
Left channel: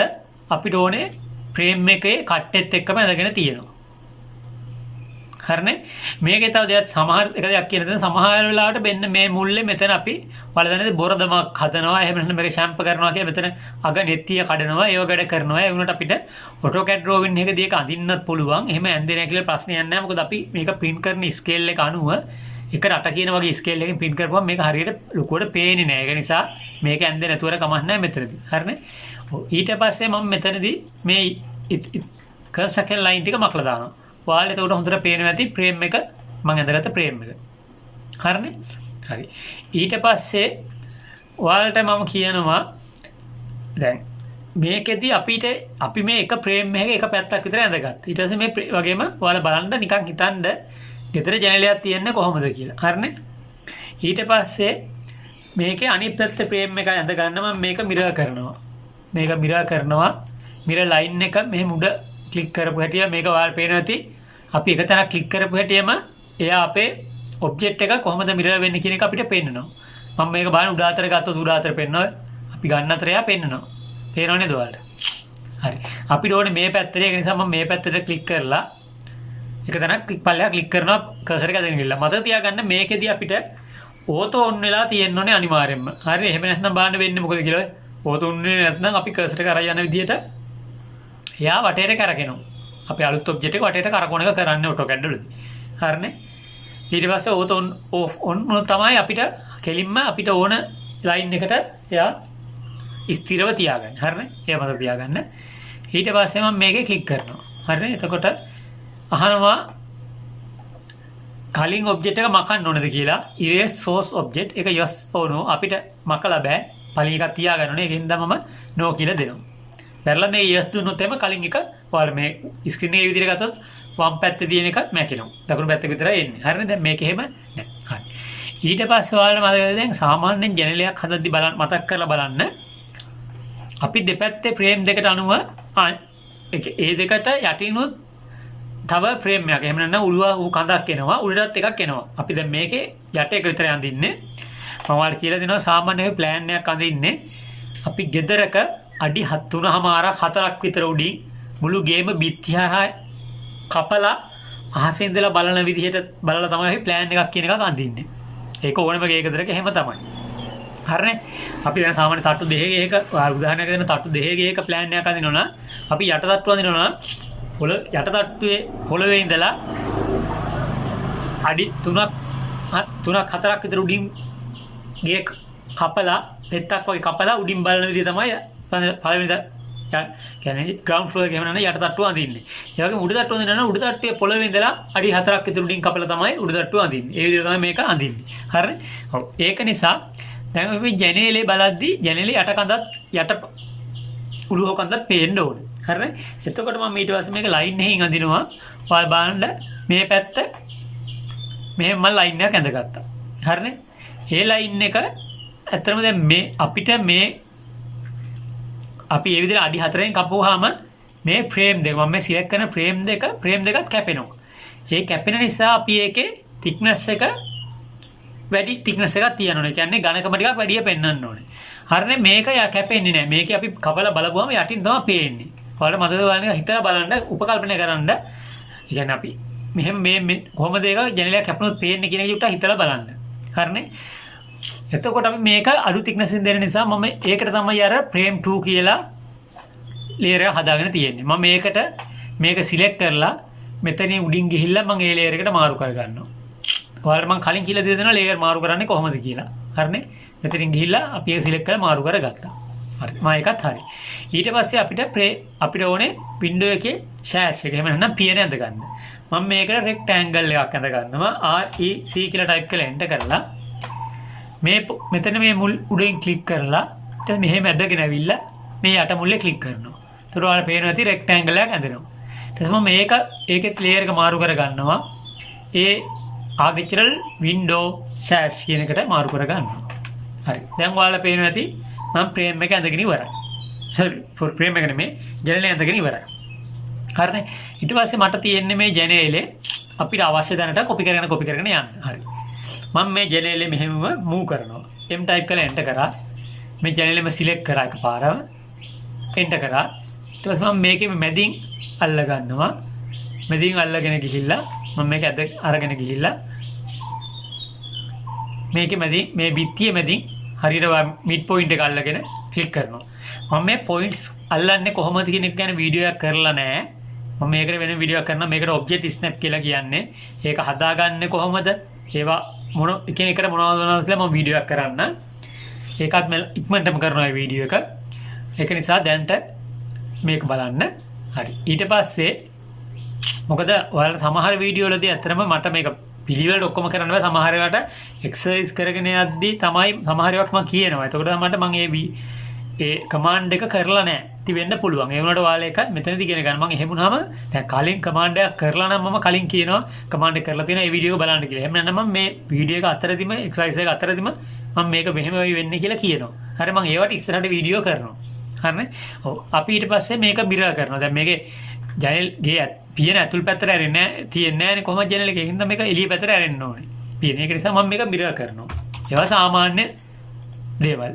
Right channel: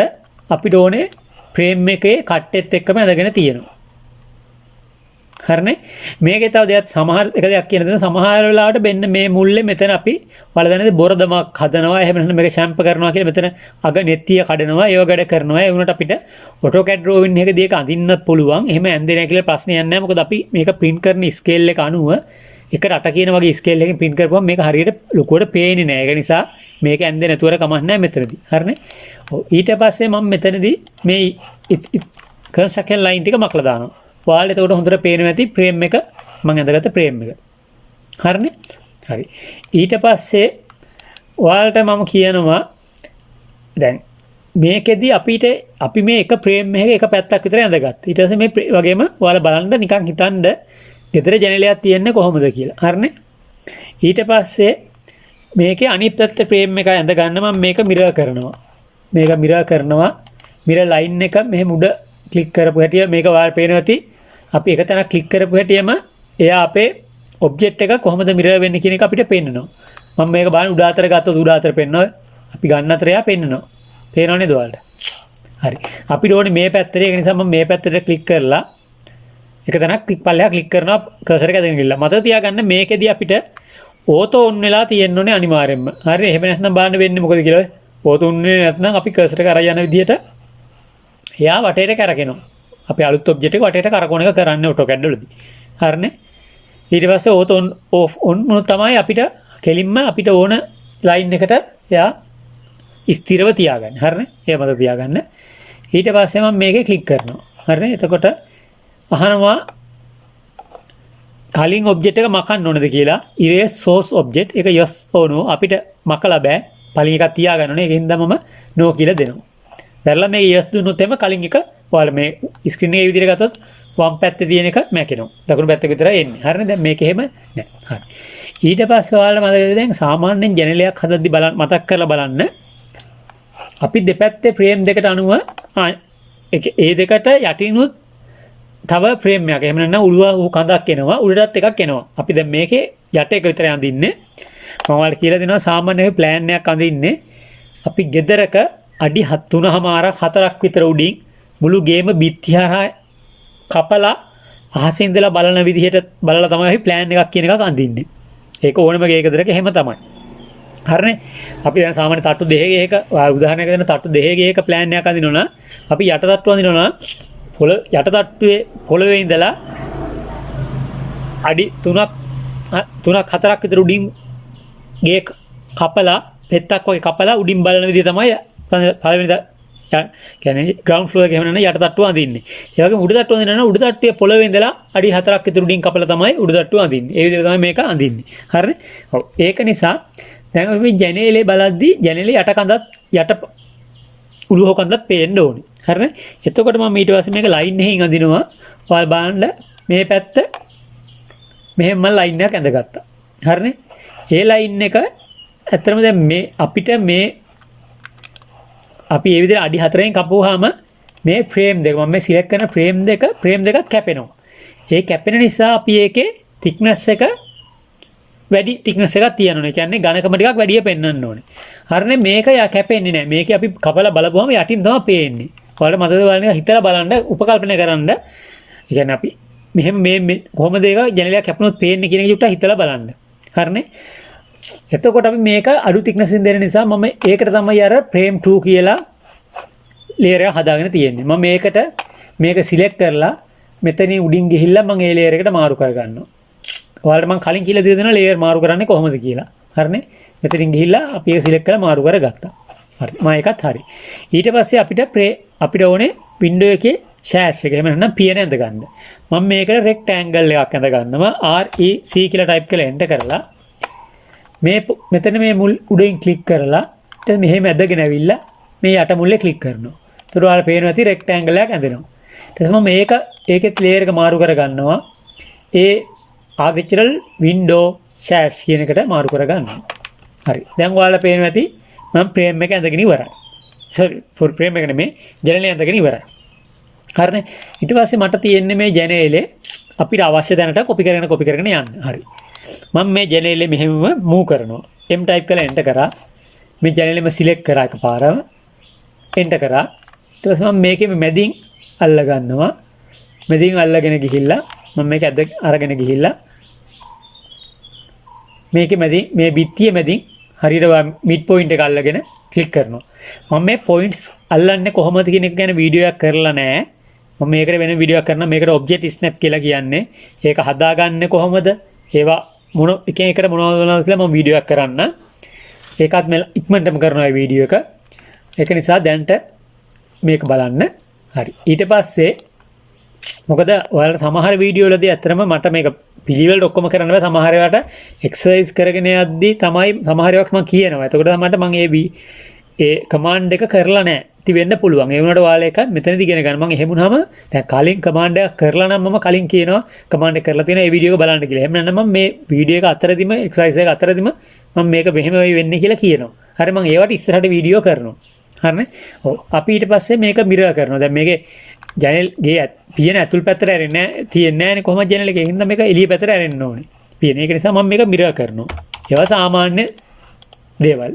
අපිට ඕනේ ෆ්‍රේම් එකේ කට්ටෙත් එක්කම ඇඳගෙන තියෙනවා. හරිනේ? මේකේ තව දෙයක් දෙයක් කියන දේ සමහර වෙලාවට මෙන්න මේ මුල්ලේ මෙතන අපි වලදැනදී බොරදමක් හදනවා. එහෙම නැත්නම් මේක ෂැම්ප් කරනවා කියලා මෙතන අග නෙත්තිය කඩනවා. ඒව වැඩ කරනවා. ඒ වුණාට අපිට AutoCAD drawing එකදී ඒක අඳින්නත් පුළුවන්. එහෙම ඇඳේ නැහැ කියලා ප්‍රශ්නයක් නැහැ. මොකද අපි මේක print කරන ස්කේල් එක අනුව 1:8 කියන වගේ ස්කේල් එකකින් print කරපුවම මේක හරියට ලොකුවට පේන්නේ නැහැ. ඒක නිසා මේක ඇඳේ නැතුවර කමක් නැහැ මෙතනදී. හරිනේ? ඊට පස්සේ මම මෙතනදී මේ කන්ස්ට්‍රක්ෂන් ලයින් ටික මකලා දානවා. ඔයාලට එතකොට හොඳට පේනවා ඇති ෆ්‍රේම් එක මම ඇඳගත්ත ෆ්‍රේම් එක. හරිනේ? හරි. ඊට පස්සේ ඔයාලට මම කියනවා දැන් මේකෙදි අපි මේ එක ෆ්‍රේම් එකක එක පැත්තක් විතර ඇඳගත්තා. ඊට පස්සේ මේ වගේම ඔයාලා බලන්න නිකන් හිතන්න ගෙදර ජනේලයක් තියෙන්නේ කොහොමද කියලා. හරිනේ? ඊට පස්සේ මේකේ අනිත් පැත්තේ ෆ්‍රේම් එක ඇඳ ගන්න මම මේක මිරර් කරනවා. මිරර් ලයින් එක මෙහෙම උඩ ක්ලික් කරපු හැටි මේක ඔයාලට පේනවා ඇති අපි එක තැනක් ක්ලික් කරපු හැටියෙම එයා අපේ ඔබ්ජෙක්ට් එක කොහොමද මිරර් වෙන්නේ කියන එක අපිට පෙන්නනවා. මම මේක බලන්න උඩ අතර ගත්තොත් උඩ අතර පෙන්නනවා. අපි ගන්න අතර එයා පෙන්නනවා. පේනව නේද ඔයාලට? හරි. අපිට ඕනේ මේ පැත්තට. ඒක නිසා මම මේ පැත්තට ක්ලික් කරලා එක තැනක් ක්ලික් කරනවා කර්සර් එක අතගෙන ගිහලා. මතක තියාගන්න මේකෙදි අපිට ඕතෝ ඔන් වෙලා තියෙන්න ඕනේ අනිවාර්යෙන්ම. හරි. එහෙම නැත්නම් බලන්න වෙන්නේ මොකද කියලා. ඕතෝ ඔන් වෙන්නේ නැත්නම් අපි කර්සර් එක අරගෙන යන විදිහට එයා වටේට කරකිනවා. අපි අලුත් ඔබ්ජෙක්ට් එක වටේට කරකවන එක කරන්නේ AutoCAD වලදී. හරිනේ. ඊට පස්සේ ඕතෝ ඔන් ඔෆ් ඔන් මොන තමයි අපිට කෙලින්ම අපිට ඕන ලයින් එකට එයා ස්ථිරව තියාගන්න. හරිනේ. ඒ මත තියාගන්න. ඊට පස්සේ මම මේකේ ක්ලික් කරනවා. හරිනේ. එතකොට අහනවා කලින් ඔබ්ජෙක්ට් එක මකන්න ඕනද කියලා. erase source object එක yes or no අපිට මකලා බෑ. පළවෙනි එකක් තියාගන්න ඕනේ. ඒකින්ද මම no කියලා දෙනවා. දැන්ලා මේ yes දුන්නොත් එම කලින් එක ඔයාලා මේ ස්ක්‍රීන් එකේ විදිහට ගත්තොත් වම් පැත්තේ තියෙන එක මැකෙනවා. දකුණු පැත්තේ විතරයි එන්නේ. හරිනේ. දැන් මේක එහෙම නෑ. හරි. ඊට පස්සේ ඔයාලා මතකද දැන් සාමාන්‍යයෙන් ජනලයක් හදද්දි බලන්න මතක් කරලා බලන්න අපි දෙපැත්තේ ෆ්‍රේම් දෙකට අනුව ඒ දෙකට යටිනුත් තව ෆ්‍රේම් එකක්. එහෙම නැත්නම් උළුව කඳක් එනවා. උඩටත් එකක් එනවා. අපි දැන් මේකේ යට එක විතරයි අඳින්නේ. මම ඔයාලට කියලා දෙනවා සාමාන්‍ය ප්ලෑන් එකක් අඳින්නේ අපි ගෙදරක අඩි 3.5 4ක් විතර උඩින් මුළු ගේම බිත්ති හරහා කපලා අහසින් ඉඳලා බලන විදිහට බලලා තමයි අපි ප්ලෑන් එකක් කියන එකක් අඳින්නේ. ඒක ඕනම ගෙදරක එහෙම තමයි. හරිනේ. අපි දැන් සාමාන්‍ය තට්ටු දෙකක උදාහරණයක් දෙන්න තට්ටු දෙකක ප්ලෑන් එකක් අඳිනවා නම් අපි යට තට්ටු අඳිනවා නම් යට තට්ටුවේ පොළවේ ඉඳලා අඩි 3ක් 4ක් විතර උඩින් ගේ කපලා පෙත්තක් වගේ කපලා උඩින් බලන විදිහ තමයි පළවෙනි කියන්නේ ග්‍රවුන්ඩ් ෆ්ලෝර් එක එහෙම නැත්නම් යට තට්ටුව අඳින්නේ. ඒ වගේම උඩ තට්ටුව අඳිනවා නම් උඩ තට්ටුවේ පොළවේ ඉඳලා අඩි 4ක් විතර උඩින් කපලා තමයි උඩ තට්ටුව අඳින්නේ. ඒ විදිහට තමයි මේක අඳින්නේ. හරිනේ? ඔව්. ඒක නිසා දැන් අපි ජනේලේ බලද්දී ජනේලේ යට කඳත් යට උළුව කඳත් පේන්න ඕනේ. හරිනේ? එතකොට මම ඊට පස්සේ මේක ලයින් එකකින් අඳිනවා. ඔයාලා බලන්න මේ පැත්ත මෙහෙම මම ලයින් එකක් ඇඳගත්තා. හරිනේ? ඒ ලයින් එක ඇත්තටම දැන් මේ අපිට මේ අපි මේ විදිහට අඩි 4න් කපුවාම මේ ෆ්‍රේම් දෙක මම මේ සිලෙක්ට් කරන ෆ්‍රේම් දෙකත් කැපෙනවා. ඒ කැපෙන නිසා අපි ඒකේ thickness එක වැඩි thickness එකක් තියන්න ඕනේ. කියන්නේ ඝනකම ටිකක් වැඩිය පෙන්වන්න ඕනේ. හරිනේ මේක කැපෙන්නේ නැහැ. මේක අපි කපලා බලපුවම යටින් තමයි පේන්නේ. ඔයාලට මතකද බලන්න හිතලා බලන්න උපකල්පනය කරන්න. ඒ කියන්නේ අපි මෙහෙම මේ කොහොමද ඒක ජනලයක් කැපුණොත් පේන්නේ කියන එක චුට්ටක් හිතලා බලන්න. හරිනේ? එතකොට අපි මේක අඩු thickness දෙන නිසා මම ඒකට තමයි අර frame 2 කියලා layer එක හදාගෙන තියෙන්නේ. මම මේක select කරලා මෙතනින් උඩින් ගිහිල්ලා මම ඒ layer එකට මාරු කර ගන්නවා. ඔයාලට මම කලින් කියලා දීලා දෙනවා layer මාරු කරන්නේ කොහොමද කියලා. හරිනේ? මෙතනින් ගිහිල්ලා අපි ඒක select කරලා මාරු කරගත්තා. හරි. මම ඒකත් හරි. ඊට පස්සේ අපිට ඕනේ window එකේ sash එක. එහෙම නැත්නම් පියන ඇඳ ගන්න. මම මේකට rectangle එකක් ඇඳ ගන්නවා. REC කියලා type කරලා enter කරලා මෙතන මේ මුල් උඩින් ක්ලික් කරලා ඊට මෙහෙම ඇදගෙන ඇවිල්ලා මේ යට මුල්ලේ ක්ලික් කරනවා. ඒතර ඔයාලා පේනවා ඇති රෙක්ටැන්ගල් එකක් ඇඳෙනවා. ඊට පස්සේ මම ඒකෙත් ලේයර් එක මාරු කර ගන්නවා. ඒ ආර්කිටෙක්චරල් වින්ඩෝ සෑෂ් කියන එකට මාරු කර ගන්නවා. හරි. දැන් ඔයාලා පේනවා ඇති මම ෆ්‍රේම් එක ඇඳගෙන ඉවරයි. සෝරි ෆ්‍රේම් එක නෙමෙයි ජනේලය ඇඳගෙන ඉවරයි. හරිනේ. ඊට පස්සේ මට තියෙන්නේ මේ ජනේලේ අපිට අවශ්‍ය දැනට කොපි කරගෙන යන්න. හරි. මම මේ ජනේලේ මෙහෙම මූව් කරනවා. M type කරලා enter කරා. මේ ජනේලෙම select කරා එකපාරම enter කරා. ඊට පස්සේ මම මේකේ මැදින් අල්ල ගන්නවා. මැදින් අල්ලගෙන ගිහිල්ලා මම මේක අරගෙන ගිහිල්ලා මේකේ මැදින් මේ බිත්තියේ මැදින් හරියට mid point එක අල්ලගෙන ක්ලික් කරනවා. මම මේ points අල්ලන්නේ කොහොමද කියන එක ගැන වීඩියෝ එකක් කරලා නැහැ. මම මේකට වෙන වීඩියෝ එකක් කරනවා. මේකට object snap කියලා කියන්නේ. ඒක හදාගන්නේ කොහොමද? ඒවා මොන එකෙන් එකට මොනවද කියලා මම වීඩියෝ එකක් කරන්න. ඒකත් මම ඉක්මනටම කරනවා මේ වීඩියෝ එක. ඒක නිසා දැන්ට මේක බලන්න. හරි. ඊට පස්සේ මොකද ඔයාලට සමහර වීඩියෝ වලදී ඇත්තටම මට මේක පිළිවෙලට ඔක්කොම කරන්න බෑ. සමහර ඒවාට එක්සර්සයිස් කරගෙන යද්දී තමයි සමහර ඒවාක් මම කියනවා. එතකොට තමයි මම ඒ කමාන්ඩ් එක කරලා නැහැ. ඉතින් වෙන්න පුළුවන්. ඒ වුණාට ඔයාලා එක මෙතනදී ඉගෙන ගන්න. මම එහෙම වුණාම දැන් කලින් කමාන්ඩ් එකක් කරලා නම් මම කලින් කියනවා කමාන්ඩ් එක කරලා තියෙන ඒ වීඩියෝ එක බලන්න කියලා. එහෙම නැත්නම් මම මේ වීඩියෝ එක අතරදිම එක්සර්සයිස් එක අතරදිම මම මේක මෙහෙම වෙන්නේ කියලා කියනවා. හරි මම ඒවට ඉස්සරහට වීඩියෝ කරනවා. හරිනේ? ඔව්. අපි ඊට පස්සේ මේක මිරර් කරනවා. දැන් මේකේ ජනල් ගේ පියන ඇතුල් පැත්තට ඇරෙන්නේ නැහැ. තියෙන්නේ නැහැනේ කොහොමද ජනේල එකේ. හින්දා මේක එළිය පැත්තට ඇරෙන්න ඕනේ. පියන. ඒක නිසා මම මේක මිරර් කරනවා. ඒවා සාමාන්‍ය දේවල්.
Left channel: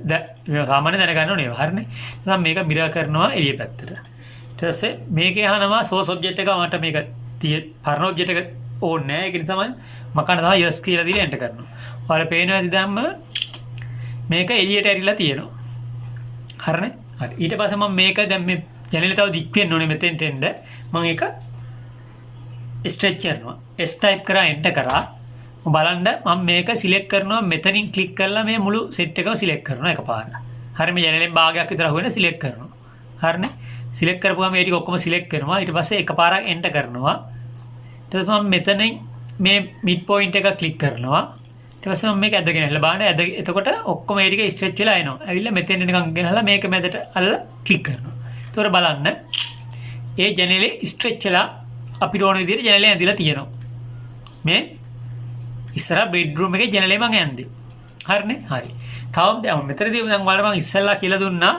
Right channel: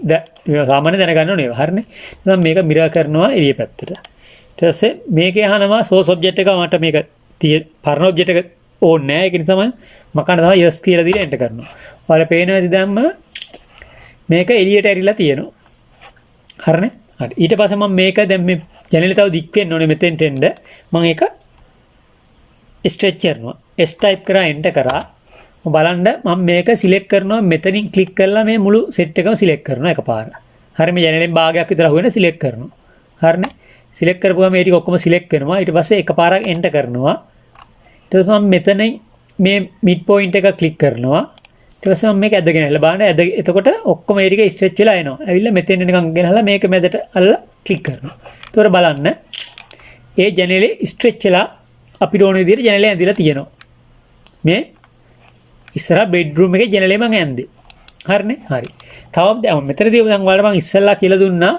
සාමාන්‍ය දැනගන්න ඕනේ ඒවා. හරිනේ. එහෙනම් මේක මිරර් කරනවා එළිය පැත්තට. ඊට පස්සේ මේකේ අහනවා සෝස් ඔබ්ජෙක්ට් එක මට මේක පරණ ඔබ්ජෙක්ට් එක ඕනේ නැහැ. ඒක නිසා මම කන තමයි යස් කියලා දීලා එන්ටර් කරනවා. ඔයාලා පේනවා ඇති දැම්ම මේක එළියට ඇරිලා තියෙනවා. හරිනේ. හරි. ඊට පස්සේ මම මේක දැන් මේ ජනේලේ තව දික් වෙන්න ඕනේ මෙතෙන්ට එන්න. මම ඒක ස්ට්‍රෙච් කරනවා. S type කරා එන්ටර් කරා. මම බලන්න මම මේක සිලෙක්ට් කරනවා මෙතනින් ක්ලික් කරලා මේ මුළු සෙට් එකම සිලෙක්ට් කරනවා එකපාර. හරි මේ ජනේලෙන් භාගයක් විතර අහුවෙන සිලෙක්ට් කරනවා. හරිනේ. සිලෙක්ට් කරපුවම මේ ටික ඔක්කොම සිලෙක්ට් කරනවා. ඊට පස්සේ එකපාරක් එන්ටර් කරනවා. ඊට පස්සේ මම මෙතනින් මේ මිඩ් පොයින්ට් එක ක්ලික් කරනවා. ඊට පස්සේ මම මේක ඇදගෙන ඇවිල්ලා බලන්න එතකොට ඔක්කොම මේ ටික ස්ට්‍රෙච් වෙලා එනවා. ඇවිල්ලා මෙතෙන් නිකන් ගෙනහලා මේක මැදට අල්ලලා ක්ලික් කරනවා. ඒතකොට බලන්න ඒ ජනේලේ ස්ට්‍රෙච් වෙලා අපිට ඕන විදිහට ජනේලේ ඇඳිලා තියෙනවා. මේ ඉස්සර බෙඩ්රූම් එකේ ජනේලේ මම ඇඳේ. හරිනේ? හරි. තව දැන් මෙතනදී දැන් ඔයාලට මම ඉස්සෙල්ලා කියලා දුන්නා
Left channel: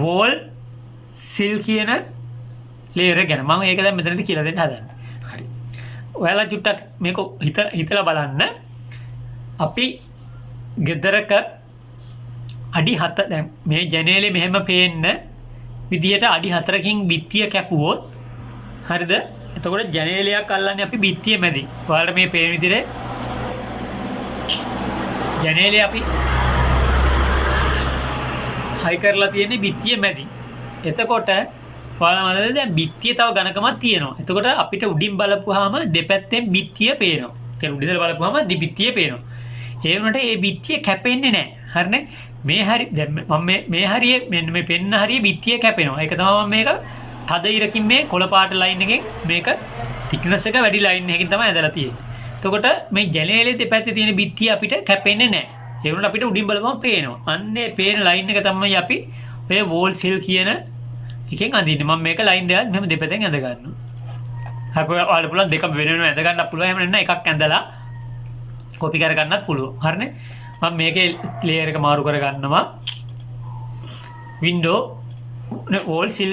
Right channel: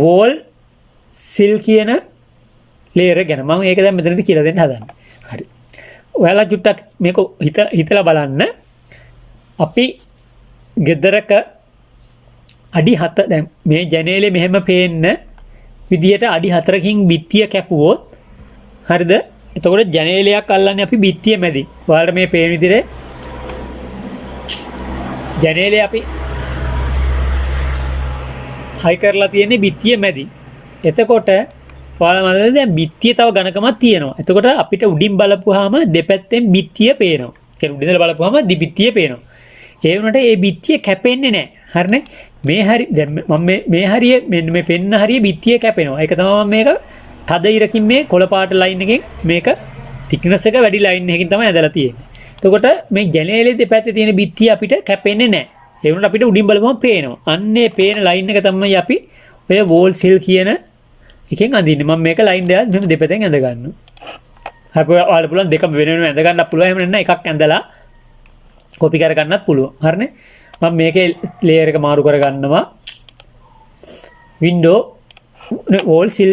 වෝල් සිල් කියන ලේයර් ගැන. මම ඒක දැන් මෙතනදී කියලා දෙන්න හදන්නේ. හරි. ඔයාලා චුට්ටක් මේක හිතලා බලන්න. අපි ගෙදරක අඩි 7 දැන් මේ ජනේලේ මෙහෙම පේන්න විදියට අඩි 4කින් බිත්තිය කැපුවොත් හරිද? එතකොට ජනේලයක් අල්ලන්නේ අපි බිත්තිය මැදි. ඔයාලට මේ පේන විදිහට ජනේලේ අපි හයි කරලා තියෙන්නේ බිත්තිය මැදි. එතකොට ඔයාලා මතකද දැන් බිත්තිය තව ඝනකමක් තියෙනවා. එතකොට අපිට උඩින් බලපුවාම දෙපැත්තෙන් බිත්තිය පේනවා. කියන්නේ උඩින් ඉඳලා බලපුවාම දිබිත්තිය පේනවා. ඒ වුණාට ඒ බිත්තිය කැපෙන්නේ නැහැ. හරිනේ? මේ හරි දැන් මම මේ හරිය මෙන්න මේ පෙන්න හරිය බිත්තිය කැපෙනවා. ඒක තමයි මම මේක තද ඉරකින් මේ කොළ පාට ලයින් එකෙන් මේක thickness එක වැඩි ලයින් එකකින් තමයි ඇදලා තියෙන්නේ. එතකොට මේ ජනේලේ දෙපැත්තේ තියෙන බිත්තිය අපිට කැපෙන්නේ නැහැ. ඒ වුණාට අපිට උඩින් බලපුවම පේනවා. අන්නේ පේන ලයින් එක තමයි අපි ඔය වෝල් සිල් කියන එකෙන් අඳින්නේ. මම මේක ලයින් දෙකක් මෙහෙම දෙපැත්තෙන් ඇඳ ගන්නවා. අපි ඔයාලට පුළුවන් දෙකම වෙන වෙනම ඇඳ ගන්නත් පුළුවන්. එහෙම නැත්නම් එකක් ඇඳලා කොපි කර ගන්නත් පුළුවන්. හරිනේ? මම මේකේ ලේයර් එක මාරු කර ගන්නවා. වින්ඩෝ වෝල් සිල්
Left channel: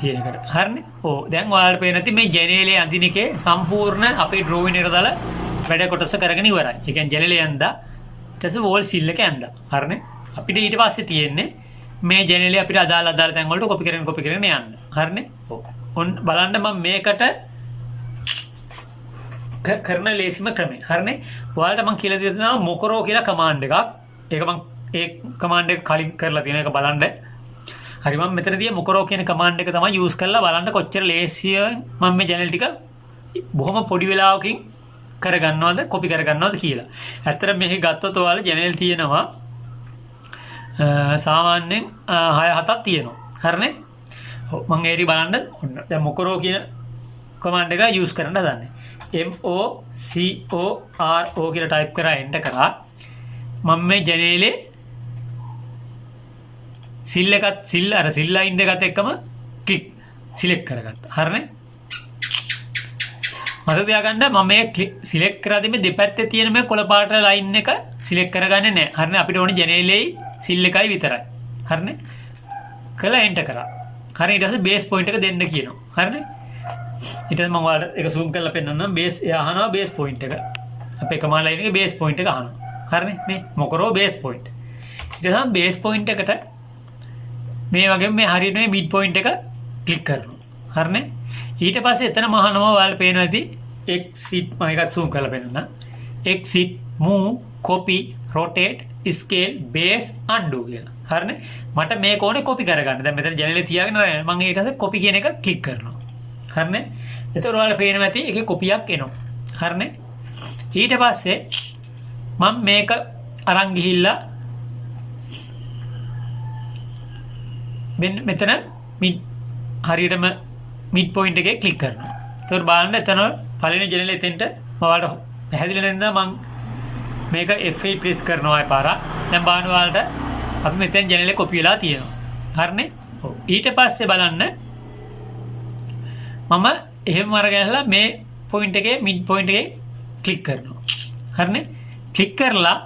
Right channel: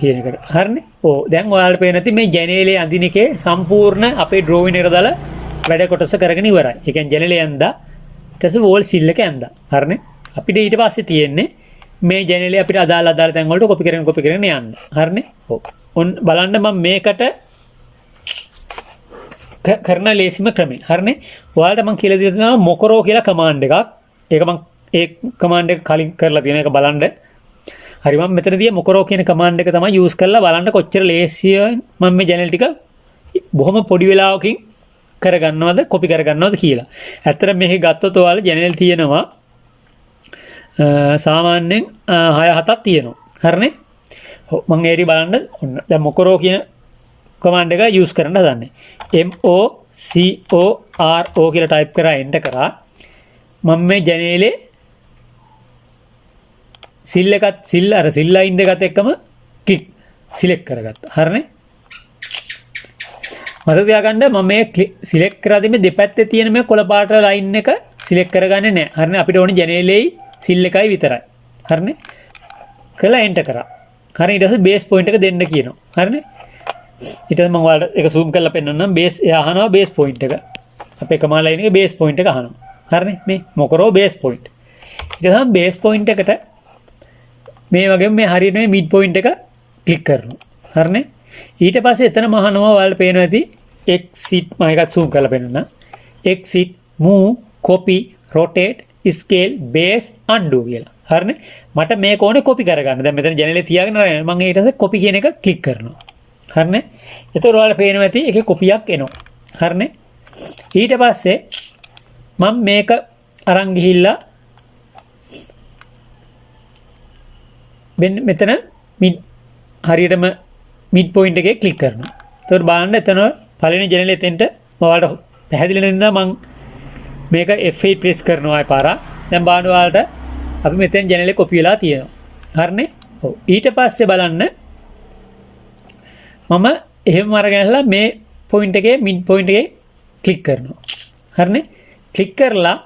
කියන එකට. හරිනේ? ඔව්. දැන් ඔයාලට පේන නැති මේ ජනේලේ අඳින එකේ සම්පූර්ණ අපේ ඩ්‍රෝවින් එකට දාලා වැඩ කොටස කරගෙන ඉවරයි. ඒ කියන්නේ ජනේලේ ඇඳා ඊට පස්සේ වෝල් සිල් එක ඇඳා. හරිනේ? අපිට ඊට පස්සේ තියෙන්නේ මේ ජනේලේ අපිට අදාළ තැන් වලට කොපි කරගෙන යන්න. හරිනේ? ඔව්. ඔන්න බලන්න මම මේකට කරන ලේසිම ක්‍රමය. හරිනේ? ඔයාලට මම කියලා දෙන්න තියෙනවා මොකරෝ කියලා කමාන්ඩ් එකක්. ඒක මම ඒ කමාන්ඩ් එක කලින් කරලා තියෙන එක බලන්න. හරි මම මෙතනදී මොකරෝ කියන කමාන්ඩ් එක තමයි යූස් කරලා බලන්න කොච්චර ලේසියෙන් මම මේ ජනේල් ටික බොහොම පොඩි වෙලාවකින් කරගන්නවද කොපි කරගන්නවද කියලා. ඇත්තට මේක ගත්තොත් ඔයාලා ජනේල් තියෙනවා සාමාන්‍යයෙන් 6-7ක් තියෙනවා. හරිනේ? ඔව් මම ඒරි බලන්න ඔන්න දැන් මොකරෝ කියන කමාන්ඩ් එක යූස් කරන්න හදන්නේ. MOCORO කියලා ටයිප් කරා එන්ටර් කරා. මම මේ ජනේලේ සිල් ලයින් දෙකත් එක්කම ක්ලික් සිලෙක්ට් කරගත්තා. හරිනේ? මතක තියාගන්න මම මේ සිලෙක්ට් කරාදී මේ දෙපැත්තේ තියෙන මේ කොළ පාට ලයින් එක සිලෙක්ට් කරගන්නේ නැහැ. හරිනේ? අපිට ඕනේ ජනේලේ සිල් එකයි විතරයි. හරිනේ? කළා එන්ටර් කරා. හරිනේ? ඊට පස්සේ බේස් පොයින්ට් එක දෙන්න කියනවා. හරිනේ? ඊට පස්සේ මම ඔයාලට ඒක zoom කරලා පෙන්නන්නම්. බේස් අහනවා බේස් පොයින්ට් එක. අපේ කමාන්ඩ් ලයින් එකේ බේස් පොයින්ට් එක අහනවා. හරිනේ? මේ මොකරෝ බේස් පොයින්ට්. ඊට පස්සේ බේස් පොයින්ට් එකට මේ වගේ මේ හරියට මේ මිඩ් පොයින්ට් එක ක්ලික් කරනවා. හරිනේ? ඊට පස්සේ එතනම අහනවා ඔයාලට පේනවා ඇති exit මම එකත් zoom කරලා පෙන්නන්න. exit move copy rotate scale base undo කියලා. හරිනේ? මට මේක ඕනේ copy කරගන්න. දැන් මෙතන ජනේලේ තියාගෙන මම ඊට පස්සේ copy කියන එක ක්ලික් කරනවා. හරිනේ? එතකොට ඔයාලට පේනවා ඇති ඒකේ කොපියක් එනවා. හරිනේ? ඊට පස්සේ මම මේක අරන් ගිහිල්ලා මෙතන හරියටම මිඩ් පොයින්ට් එකේ ක්ලික් කරනවා. එතකොට බලන්න එතන පළවෙනි ජනේලෙ එතෙන්ට ඔයාලට පැහැදිලි නැතිනම් මම මේක F8 ප්‍රෙස් කරනවා ආය පාරක්. දැන් බලන්න ඔයාලට අපි මෙතෙන් ජනේලෙ කොපි වෙලා තියෙනවා. හරිනේ? ඔව්. ඊට පස්සේ බලන්න මම එහෙම අරගෙනලා මේ පොයින්ට් එකේ මිඩ් පොයින්ට් එකේ ක්ලික් කරනවා. හරිනේ? ක්ලික් කරලා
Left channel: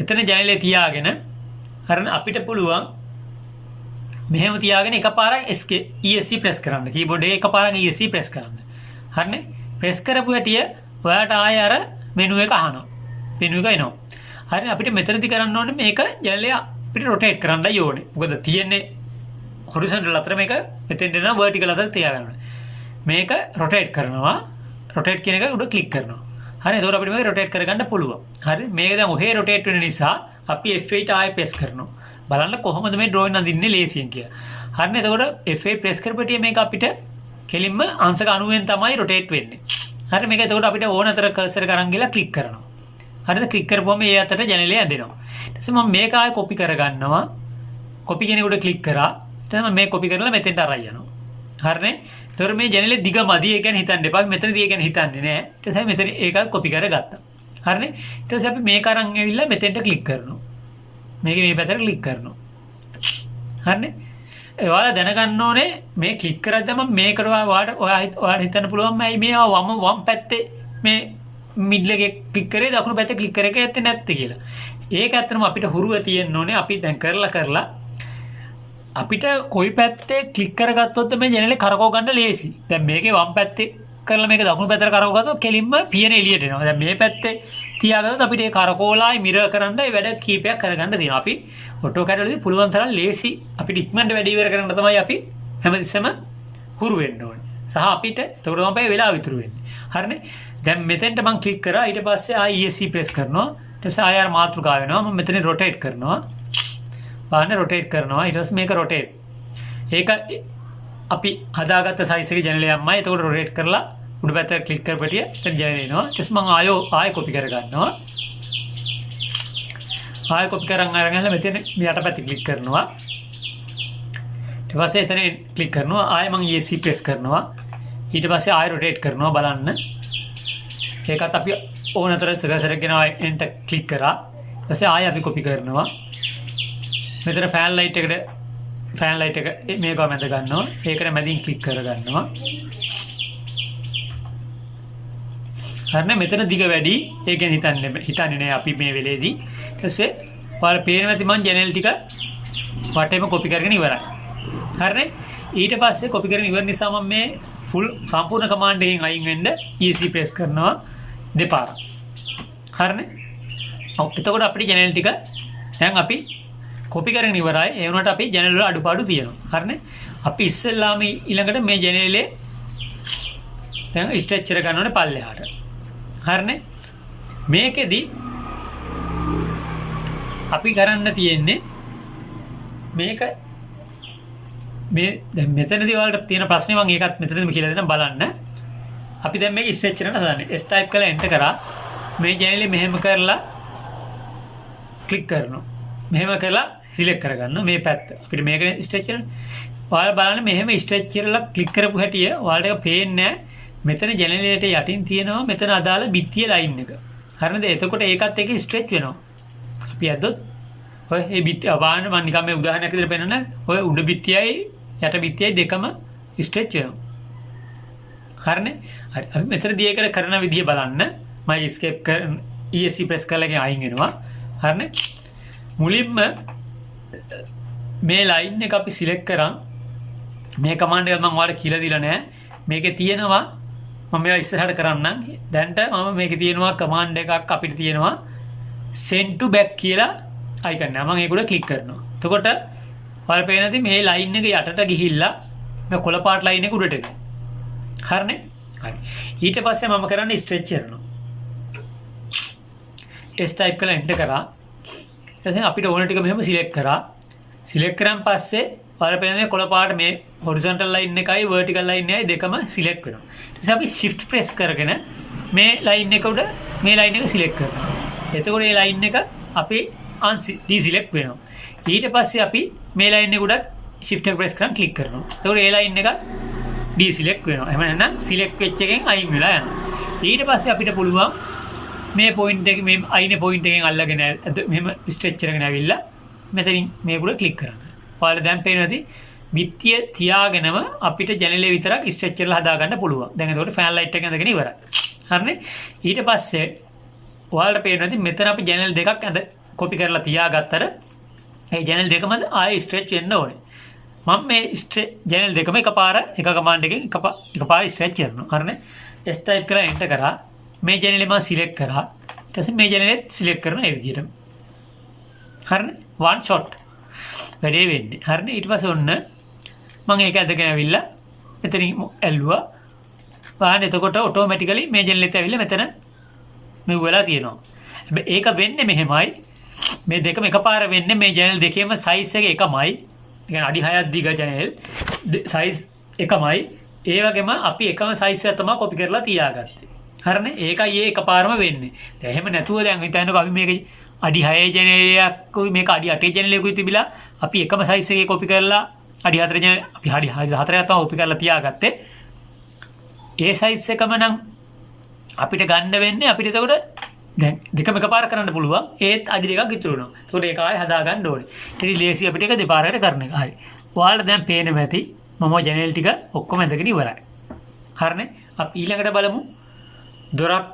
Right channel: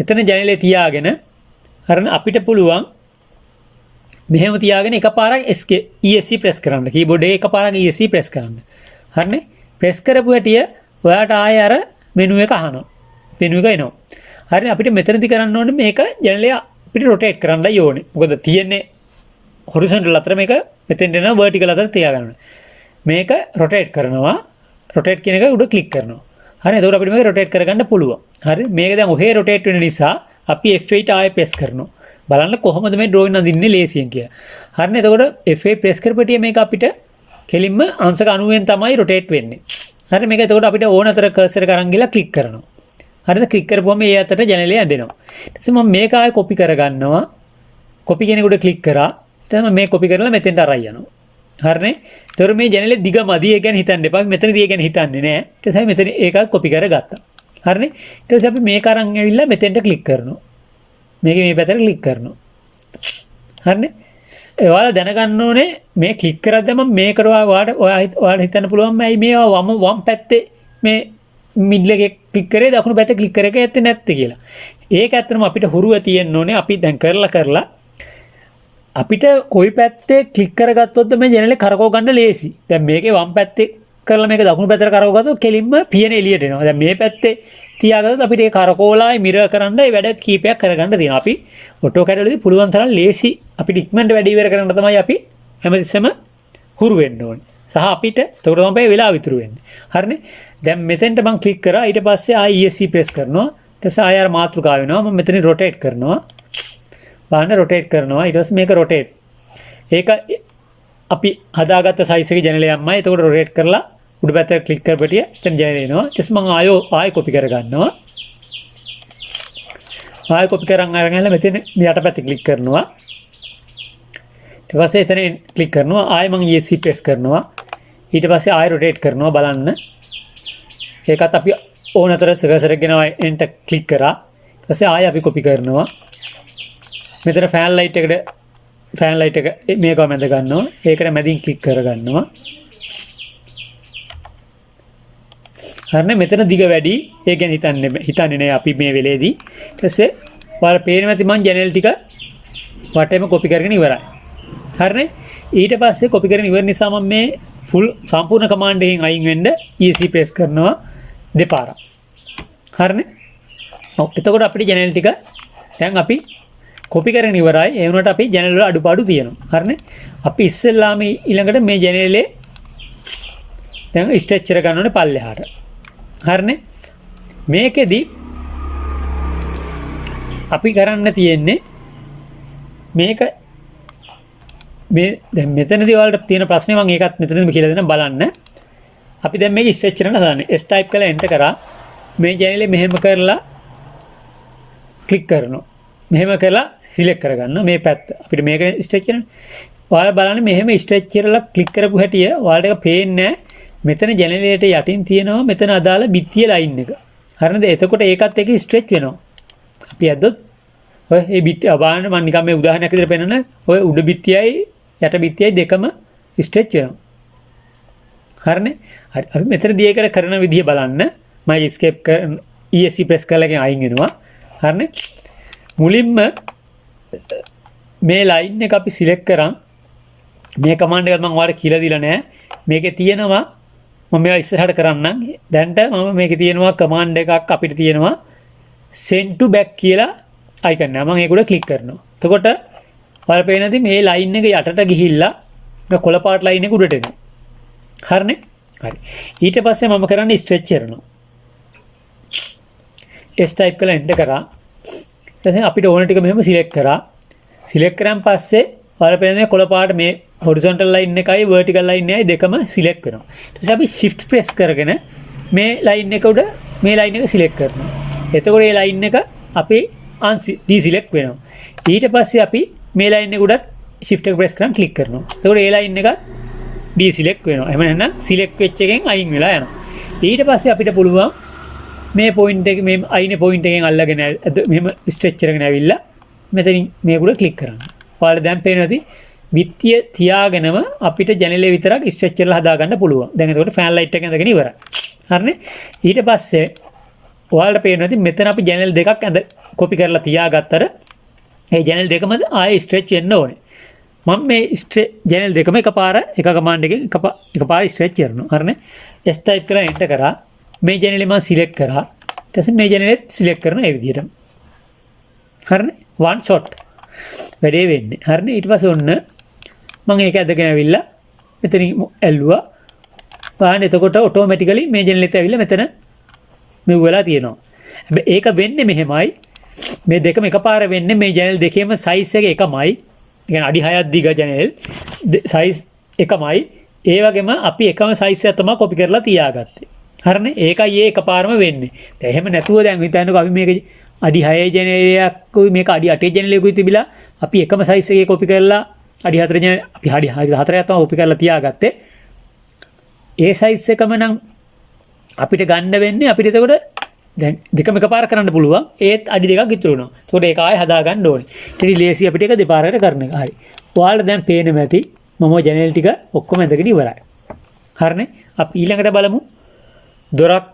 එතන ජනේලේ තියාගෙන හරිනේ අපිට පුළුවන් මෙහෙම තියාගෙන එකපාරක් ESC ප්‍රෙස් කරන්න. කීබෝඩ් එකේ එකපාරක් ESC ප්‍රෙස් කරන්න. හරිනේ? ප්‍රෙස් කරපු හැටිය ඔයාට ආයෙ අර මෙනු එක අහනවා. මෙනු එක එනවා. හරිනේ අපිට මෙතනදී කරන්න ඕනේ මේක ජනලය අපිට රොටේට් කරන්නයි ඕනේ. මොකද තියෙන්නේ හොරිසොන්ටල් අතර මේක මෙතෙන්ට එනවා වර්ටිකල් අතර තියාගන්න ඕනේ. මේක රොටේට් කරනවා. රොටේට් කියන එක උඩ ක්ලික් කරනවා. හරි එතකොට අපිට මේක රොටේට් කරගන්න පුළුවන්. හරි මේක දැන් ඔහේ රොටේට් වෙන නිසා අපි F8 ආයෙ ප්‍රෙස් කරනවා. බලන්න කොහොමද මේ ඩ්‍රෝයින් අඳින්නේ ලේසියෙන් කියලා. හරිනේ එතකොට F8 ප්‍රෙස් කරපටිය මේක අපිට කෙලින්ම අංශක 90ෙන් තමයි රොටේට් වෙන්නේ. හරි මේක එතකොට අපිට ඕන අතර කර්සර් එක අරන් ගිහලා ක්ලික් කරනවා. හරිද ක්ලික් කරපුවම ඒ අතට ජනලය ඇදෙනවා. ඊට පස්සේ මම මේක ආයෙ කොපි කරගන්නවා. කොපි කියන එකට ක්ලික් කරා. ඊට පස්සේ මේ කොපි කරලා මෙතෙන්ට අරන් යනවා. හරිනේ. ඒතකොට මේ ජනලේ දිග මදි ඒ ගැන හිතන්න එපා. මෙතනදී ඒ ගැන හිතන්නේ නෑ. ඊට පස්සේ මෙතන ඒකත් කොපි කරගත්තා. හරිනේ. ඊට පස්සේ අපි මේක අරන් ඇවිල්ලා මෙතෙන්ට ක්ලික් කරනවා. මේක මේ පැත්තට ක්ලික් කරනවා. හරිනේ. ඔයාලා දැනගන්න ඕනේ මේ ක්ලික් කරද්දී මම මේකට ඔයාලා හිතන්න පුළුවන් මේ මේවා වම් පැත්තේ මේ මිඩල් එකේ ක්ලික් කරේ දකුණු පැත්තේ ක්ලික් කරේ ඇත්තේ නැත්තේ කියලා. ඒක ඇත්තටම අපිට හුරුව තියෙන්න ඕනේ. අපි දැන් කරලා අපිට කොයි පැත්තේ ක්ලික් කරගත්තොත් මේ ජනලේ කරකව ගන්න ලේසි. දැන් මේකේ වම් පැත්තේ කරලා මේක දකුණු පැත්තට කරකව ගත්තොත් කෙලින්ම පියන එළියට එනවා. දැන් මේ පැත්තේ තියාගත්තොත් අපිට ඒ කරකෝලායි මිරර් කරන්න ඒ වැඩ කීපයක් කරගන්න තියෙනවා. අපි AutoCAD වලදී පුළුවන් තරම් ලේසි අපිට ඉක්මනට වැඩ ඉවර කරන්න තමයි අපි හැමතිස්සෙම හුරු වෙන්න ඕනේ. සහ අපිට ඒකට තමයි වෙලාව ඉතුරු වෙන්නේ. හරිනේ? දැන් මෙතෙන්ට මම ක්ලික් කරා ඊට පස්සේ ආයි ESC ප්‍රෙස් කරනවා. ඊට පස්සේ ආයෙ මාතෘකාව වෙනවා. මම මෙතන රොටේට් කරනවා. බලන්න රොටේට් කරනවා. ඊට පස්සේ මේක රොටේට්. ඒක අපි හදාගත්ත සයිස් එකේ ජනලය යම්මයි. ඒකට රොටේට් කරලා උඩ පැත්තට ක්ලික් කරපටිය එතන ජනලය එනවා. ඊට පස්සේ මම ආයෙ කොපි කරගන්නවා. ආයෙ කොපි කරන් අරගෙන මෙතන යට පැත්තේ ක්ලික් කරනවා. ඊට පස්සේ එතන ක්ලික් කරනවා. ආයෙ මම ESC ප්‍රෙස් කරනවා. ඊට පස්සේ ආයෙ රොටේට් කරනවා බලන්න. ඒකත් අපි ඕන අතර කර්සර් එක ගෙනවා එන්ටර් ක්ලික් කරා. ඊට පස්සේ ආයෙ අපි කොපි කරනවා. මෙතන ෆෑන් ලයිට් එක මේක මැද ගන්නවා. ඒකට මැදින් ක්ලික් කරගන්නවා. හරිනේ මෙතන දිග වැඩි. ඒ ගැන හිතන්නේ නෑ අපි මේ වෙලේදී. ඊට පස්සේ ඔයාලා පේනවා ඇති මම ජනල් ටික වටේම කොපි කරගෙන ඉවරයි. හරිනේ ඊට පස්සේ කොපි කරගෙන ඉවර නිසා මම මේ ෆුල් සම්පූර්ණ කමාන්ඩ් එකෙන් අයින් වෙන්න ESC ප්‍රෙස් කරනවා දෙපාරක්. හරිනේ. ඔව් එතකොට අපිට ජනල් ටික දැන් අපි කොපි කරගෙන ඉවරයි. ඒ වුණාට අපි ජනල් වල අඩුපාඩු තියෙනවා. හරිනේ. අපි ඉස්සෙල්ලාම ඊළඟට මේ ජනලේ දැන් ස්ට්‍රෙච්චර් ගන්න ඕනේ පල්ලෙහාට. හරිනේ. මේකෙදි අපි කරන්න තියෙන්නේ මේක මේ දැන් මෙතනදී ඔයාලට තියෙන ප්‍රශ්නේ මම ඒකත් මෙතනදිම කියලා දෙන්න බලන්න. අපි දැන් මේක ස්ට්‍රෙච්චර් කරන හදන්නේ. S type කරලා enter කරා මේ ජනලේ මෙහෙම කරලා ක්ලික් කරනවා. මෙහෙම කරලා සිලෙක්ට් කරගන්න මේ පැත්ත. අපිට මේක ස්ට්‍රෙච් කරන්න. ඔයාලා බලන්න මෙහෙම ස්ට්‍රෙච් කරලා ක්ලික් කරපු හැටිය ඔයාලට ඒක පේන්නේ නැහැ. මෙතන ජනලයට යටින් තියෙනවා මෙතන අදාළ බිත්තිය ලයින් එක. හරිනද? එතකොට ඒකත් එක්ක ස්ට්‍රෙච් වෙනවා. අපි ඇද්දොත් ඔය මේ බිත්තිය බලන්න මම නිකන් මේ උදාහරණයක් විදිහට පෙන්නන ඔය උඩ බිත්තියයි යට බිත්තියයි දෙකම ස්ට්‍රෙච් වෙනවා. හරිනේ? හරි. අපි මෙතනදී ඒකට කරන විදිය බලන්න. මම escape කරන ESC press කරලා අයින් වෙනවා. හරිනේ? මුලින්ම මේ ලයින් එක අපි සිලෙක්ට් කරන් මේ කමාන්ඩ් එකත් මම ඔයාලට කියලා දීලා නැහැ. මේකේ තියෙනවා මම මේවා ඉස්සරහට කරන්නම්. දැන්ට මම මේකේ තියෙනවා කමාන්ඩ් එකක් අපිට තියෙනවා send to back කියලා අයිකන් එක. මම ඒක උඩ ක්ලික් කරනවා. එතකොට ඔයාලට පේනදී මේ ලයින් එක යටට ගිහිල්ලා මේ කොළ පාට ලයින් එක උඩට එනවා. හරිනේ? හරි. ඊට පස්සේ මම කරන්නේ ස්ට්‍රෙච් කරනවා. S type කරලා enter කරා. දැන් අපිට ඕන ටික මෙහෙම සිලෙක්ට් කරා. සිලෙක්ට් කරාන් පස්සේ ඔයාලා පේන්නේ කොළ පාට මේ horizontal line එකයි vertical line එකයි දෙකම සිලෙක්ට් වෙනවා. ඊට පස්සේ අපි shift press කරගෙන මේ line එක උඩ මේ line එක සිලෙක්ට් කරනවා. එතකොට මේ line එක අපි deselect වෙනවා. ඊට පස්සේ අපි මේ line එක උඩ shift එක press කරන් click කරනවා. එතකොට මේ line එක deselect වෙනවා. එහෙම නැත්නම් select වෙච්ච එකෙන් අයින් වෙලා යනවා. ඊට පස්සේ අපිට පුළුවන් මේ පොයින්ට් එක මේ අයිනේ පොයින්ට් එකෙන් අල්ලගෙන මෙහෙම ස්ට්‍රෙච් කරගෙන ඇවිල්ලා මෙතනින් මේක උඩ ක්ලික් කරන්න. ඔයාලට දැන් පේනවාදී බිත්තිය තියාගෙනම අපිට ජනලේ විතරක් ස්ට්‍රෙච් කරලා හදා ගන්න පුළුවන්. දැන් එතකොට ෆෑන් ලයිට් එක ඇඳගෙන ඉවරයි. හරිනේ? ඊට පස්සේ ඔයාලට පේනවාදී මෙතන අපි ජනල් දෙකක් කොපි කරලා තියාගත්තට ඒ ජනල් දෙකම ආයෙ ස්ට්‍රෙච් වෙන්න ඕනේ. මම මේ ජනල් දෙකම එකපාර එක කමාන්ඩ් එකෙන් එකපාර ස්ට්‍රෙච් කරනවා. හරිනේ. S type කරලා enter කරා. මේ ජනලේ මම සිලෙක්ට් කරා. ඊට පස්සේ මේ ජනලෙත් සිලෙක්ට් කරනවා ඒ විදිහටම. හරිනේ. one shot වැඩේ වෙන්නේ. හරිනේ. ඊට පස්සේ ඔන්න මම ඒක ඇදගෙන ඇවිල්ලා මෙතනින් ඇල්ලුවා. බලන්න එතකොට ඔටෝමැටිකලි මේ ජනලෙත් ඇවිල්ලා මෙතන මෙව වෙලා තියෙනවා. හැබැයි ඒක වෙන්නේ මෙහෙමයි. මේ දෙකම එකපාර වෙන්නේ මේ ජනල් දෙකේම සයිස් එක එකමයි. ඒ කියන්නේ අඩි 6ක් දිග ජනල් සයිස් එකමයි. ඒ වගේම අපි එකම සයිස් එක තමයි කොපි කරලා තියාගත්තේ. හරිනේ. ඒකයි ඒ එකපාරම වෙන්නේ. දැන් එහෙම නැතුව දැන් හිතන්නකෝ අපි මේක අඩි 6 ජනලයක්කුයි මේක අඩි 8 ජනලයකුයි තිබිලා අපි එකම සයිස් එකේ කොපි කරලා අඩි 4 ජනල අපි අඩි 4ක් තමයි කොපි කරලා තියාගත්තේ. ඒ සයිස් එකම නම් අපිට ගන්න වෙන්නේ අපිට එතකොට දැන් දෙකම එකපාර කරන්න පුළුවන්. ඒත් අඩි දෙකක් ඉතුරු වෙනවා. ඒකට ඒක ආයෙ හදා ගන්න ඕනේ. ඊට ලේසි අපිට ඒක දෙපාරකට කරන එක. හරි. ඔයාලට දැන් පේන්නේ නැති මම ජනල් ටික ඔක්කොම ඇඳගෙන ඉවරයි. හරිනේ. අපි ඊළඟට බලමු දොරක්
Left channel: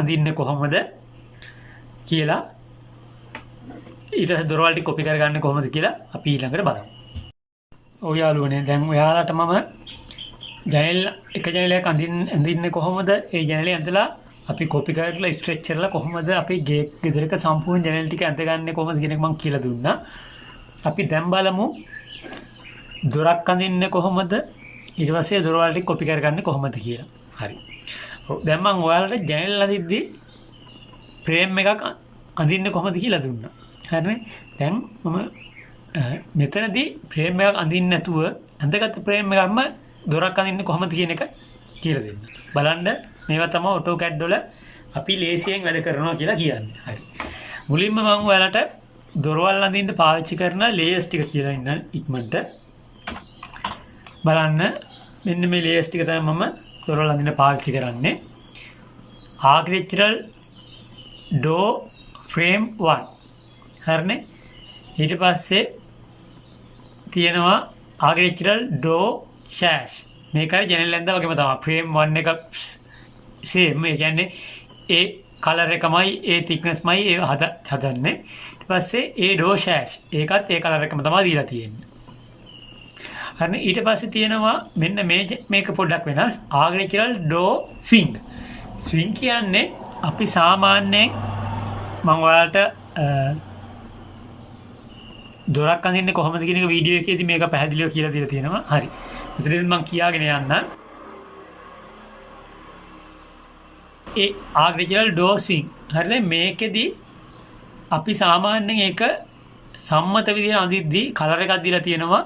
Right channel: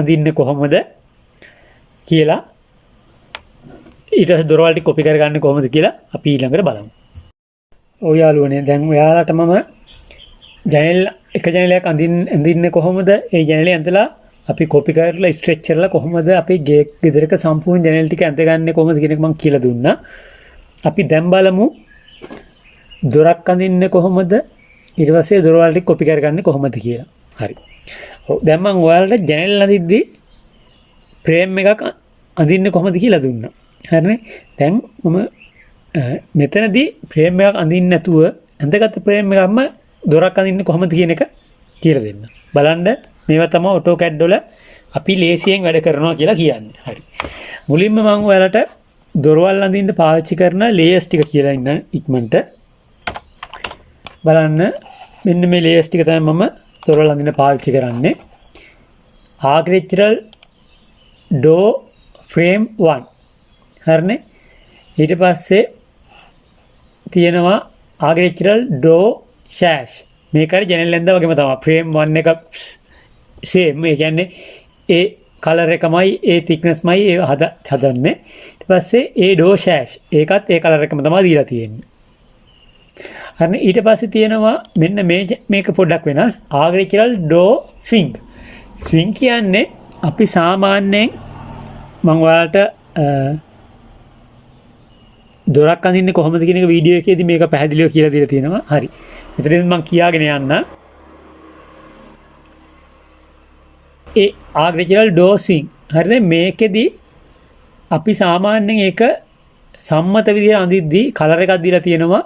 අඳින්නේ කොහොමද කියලා. ඊට පස්සේ දොරවල් ටික කොපි කරගන්නේ කොහොමද කියලා අපි ඊළඟට බලමු. ඔය යාළුවනේ දැන් ඔයාලට මම ජනල් එක ජනලයක් අඳින්නේ කොහොමද? ඒ ජනලේ ඇඳලා අපි කොපි කරලා ස්ට්‍රෙච් කරලා කොහොමද අපි ගෙදරක සම්පූර්ණ ජනල් ටික ඇඳගන්නේ කොහොමද කියන එක මම කියලා දුන්නා. අපි දැන් බලමු දොරක් අඳින්නේ කොහොමද? ඊට පස්සේ දොරවල් ටික කොපි කරගන්නේ කොහොමද කියලා. හරි. ඔව් දැන් මම ඔයාලට ජනල් අඳිද්දි ෆ්‍රේම් එකක් අඳින්නේ කොහොමද කියලා දුන්නා. හරිනේ. දැන් මම මෙතනදී ෆ්‍රේම් එකක් අඳින්න නැතුව ඇඳගත්තු ෆ්‍රේම් එකක්ම දොරක් අඳින්නේ කොහොමද කියන එක කියලා දෙන්න. බලන්න මේවා තමයි AutoCAD වල අපි ලේසියෙන් වැඩ කරනවා කියලා කියන්නේ. හරි. මුලින්ම මම ඔයාලට දොරවල් අඳින්න පාවිච්චි කරන ලේයර්ස් ටික කියලා ඉන්න ඉක්මනට බලන්න. මෙන්න මේ ලේයර්ස් ටික තමයි මම දොරවල් අඳින්න පාවිච්චි කරන්නේ. Architectural door frame 1. හරිනේ. ඊට පස්සේ තියෙනවා Architectural door sash. මේක හරි ජනල් ඇඳ වගේම තමයි. frame 1 එක same. ඒ කියන්නේ ඒ කලර් එකමයි ඒ thicknessමයි ඒ හදන්නේ. ඊට පස්සේ ඒ door sash ඒකත් ඒ කලර් එකම තමයි දීලා තියෙන්නේ. හරිනේ. ඊට පස්සේ තියෙනවා මෙන්න මේක පොඩ්ඩක් වෙනස්. Architectural door swing. swing කියන්නේ අපි සාමාන්‍යයෙන් මම ඔයාලට දොරක් අඳින්නේ කොහොමද කියන එක වීඩියෝ එකේදී මේක පැහැදිලිව කියලා දීලා තියෙනවා. හරි. මෙතනදී මම කියාගෙන යන්න. ඒ Architectural door swing. හරිනේ. මේකෙදී අපි සාමාන්‍යයෙන් ඒක සම්මත විදිහට අඳිද්දී කලර් එකක් දීලා තියෙනවා.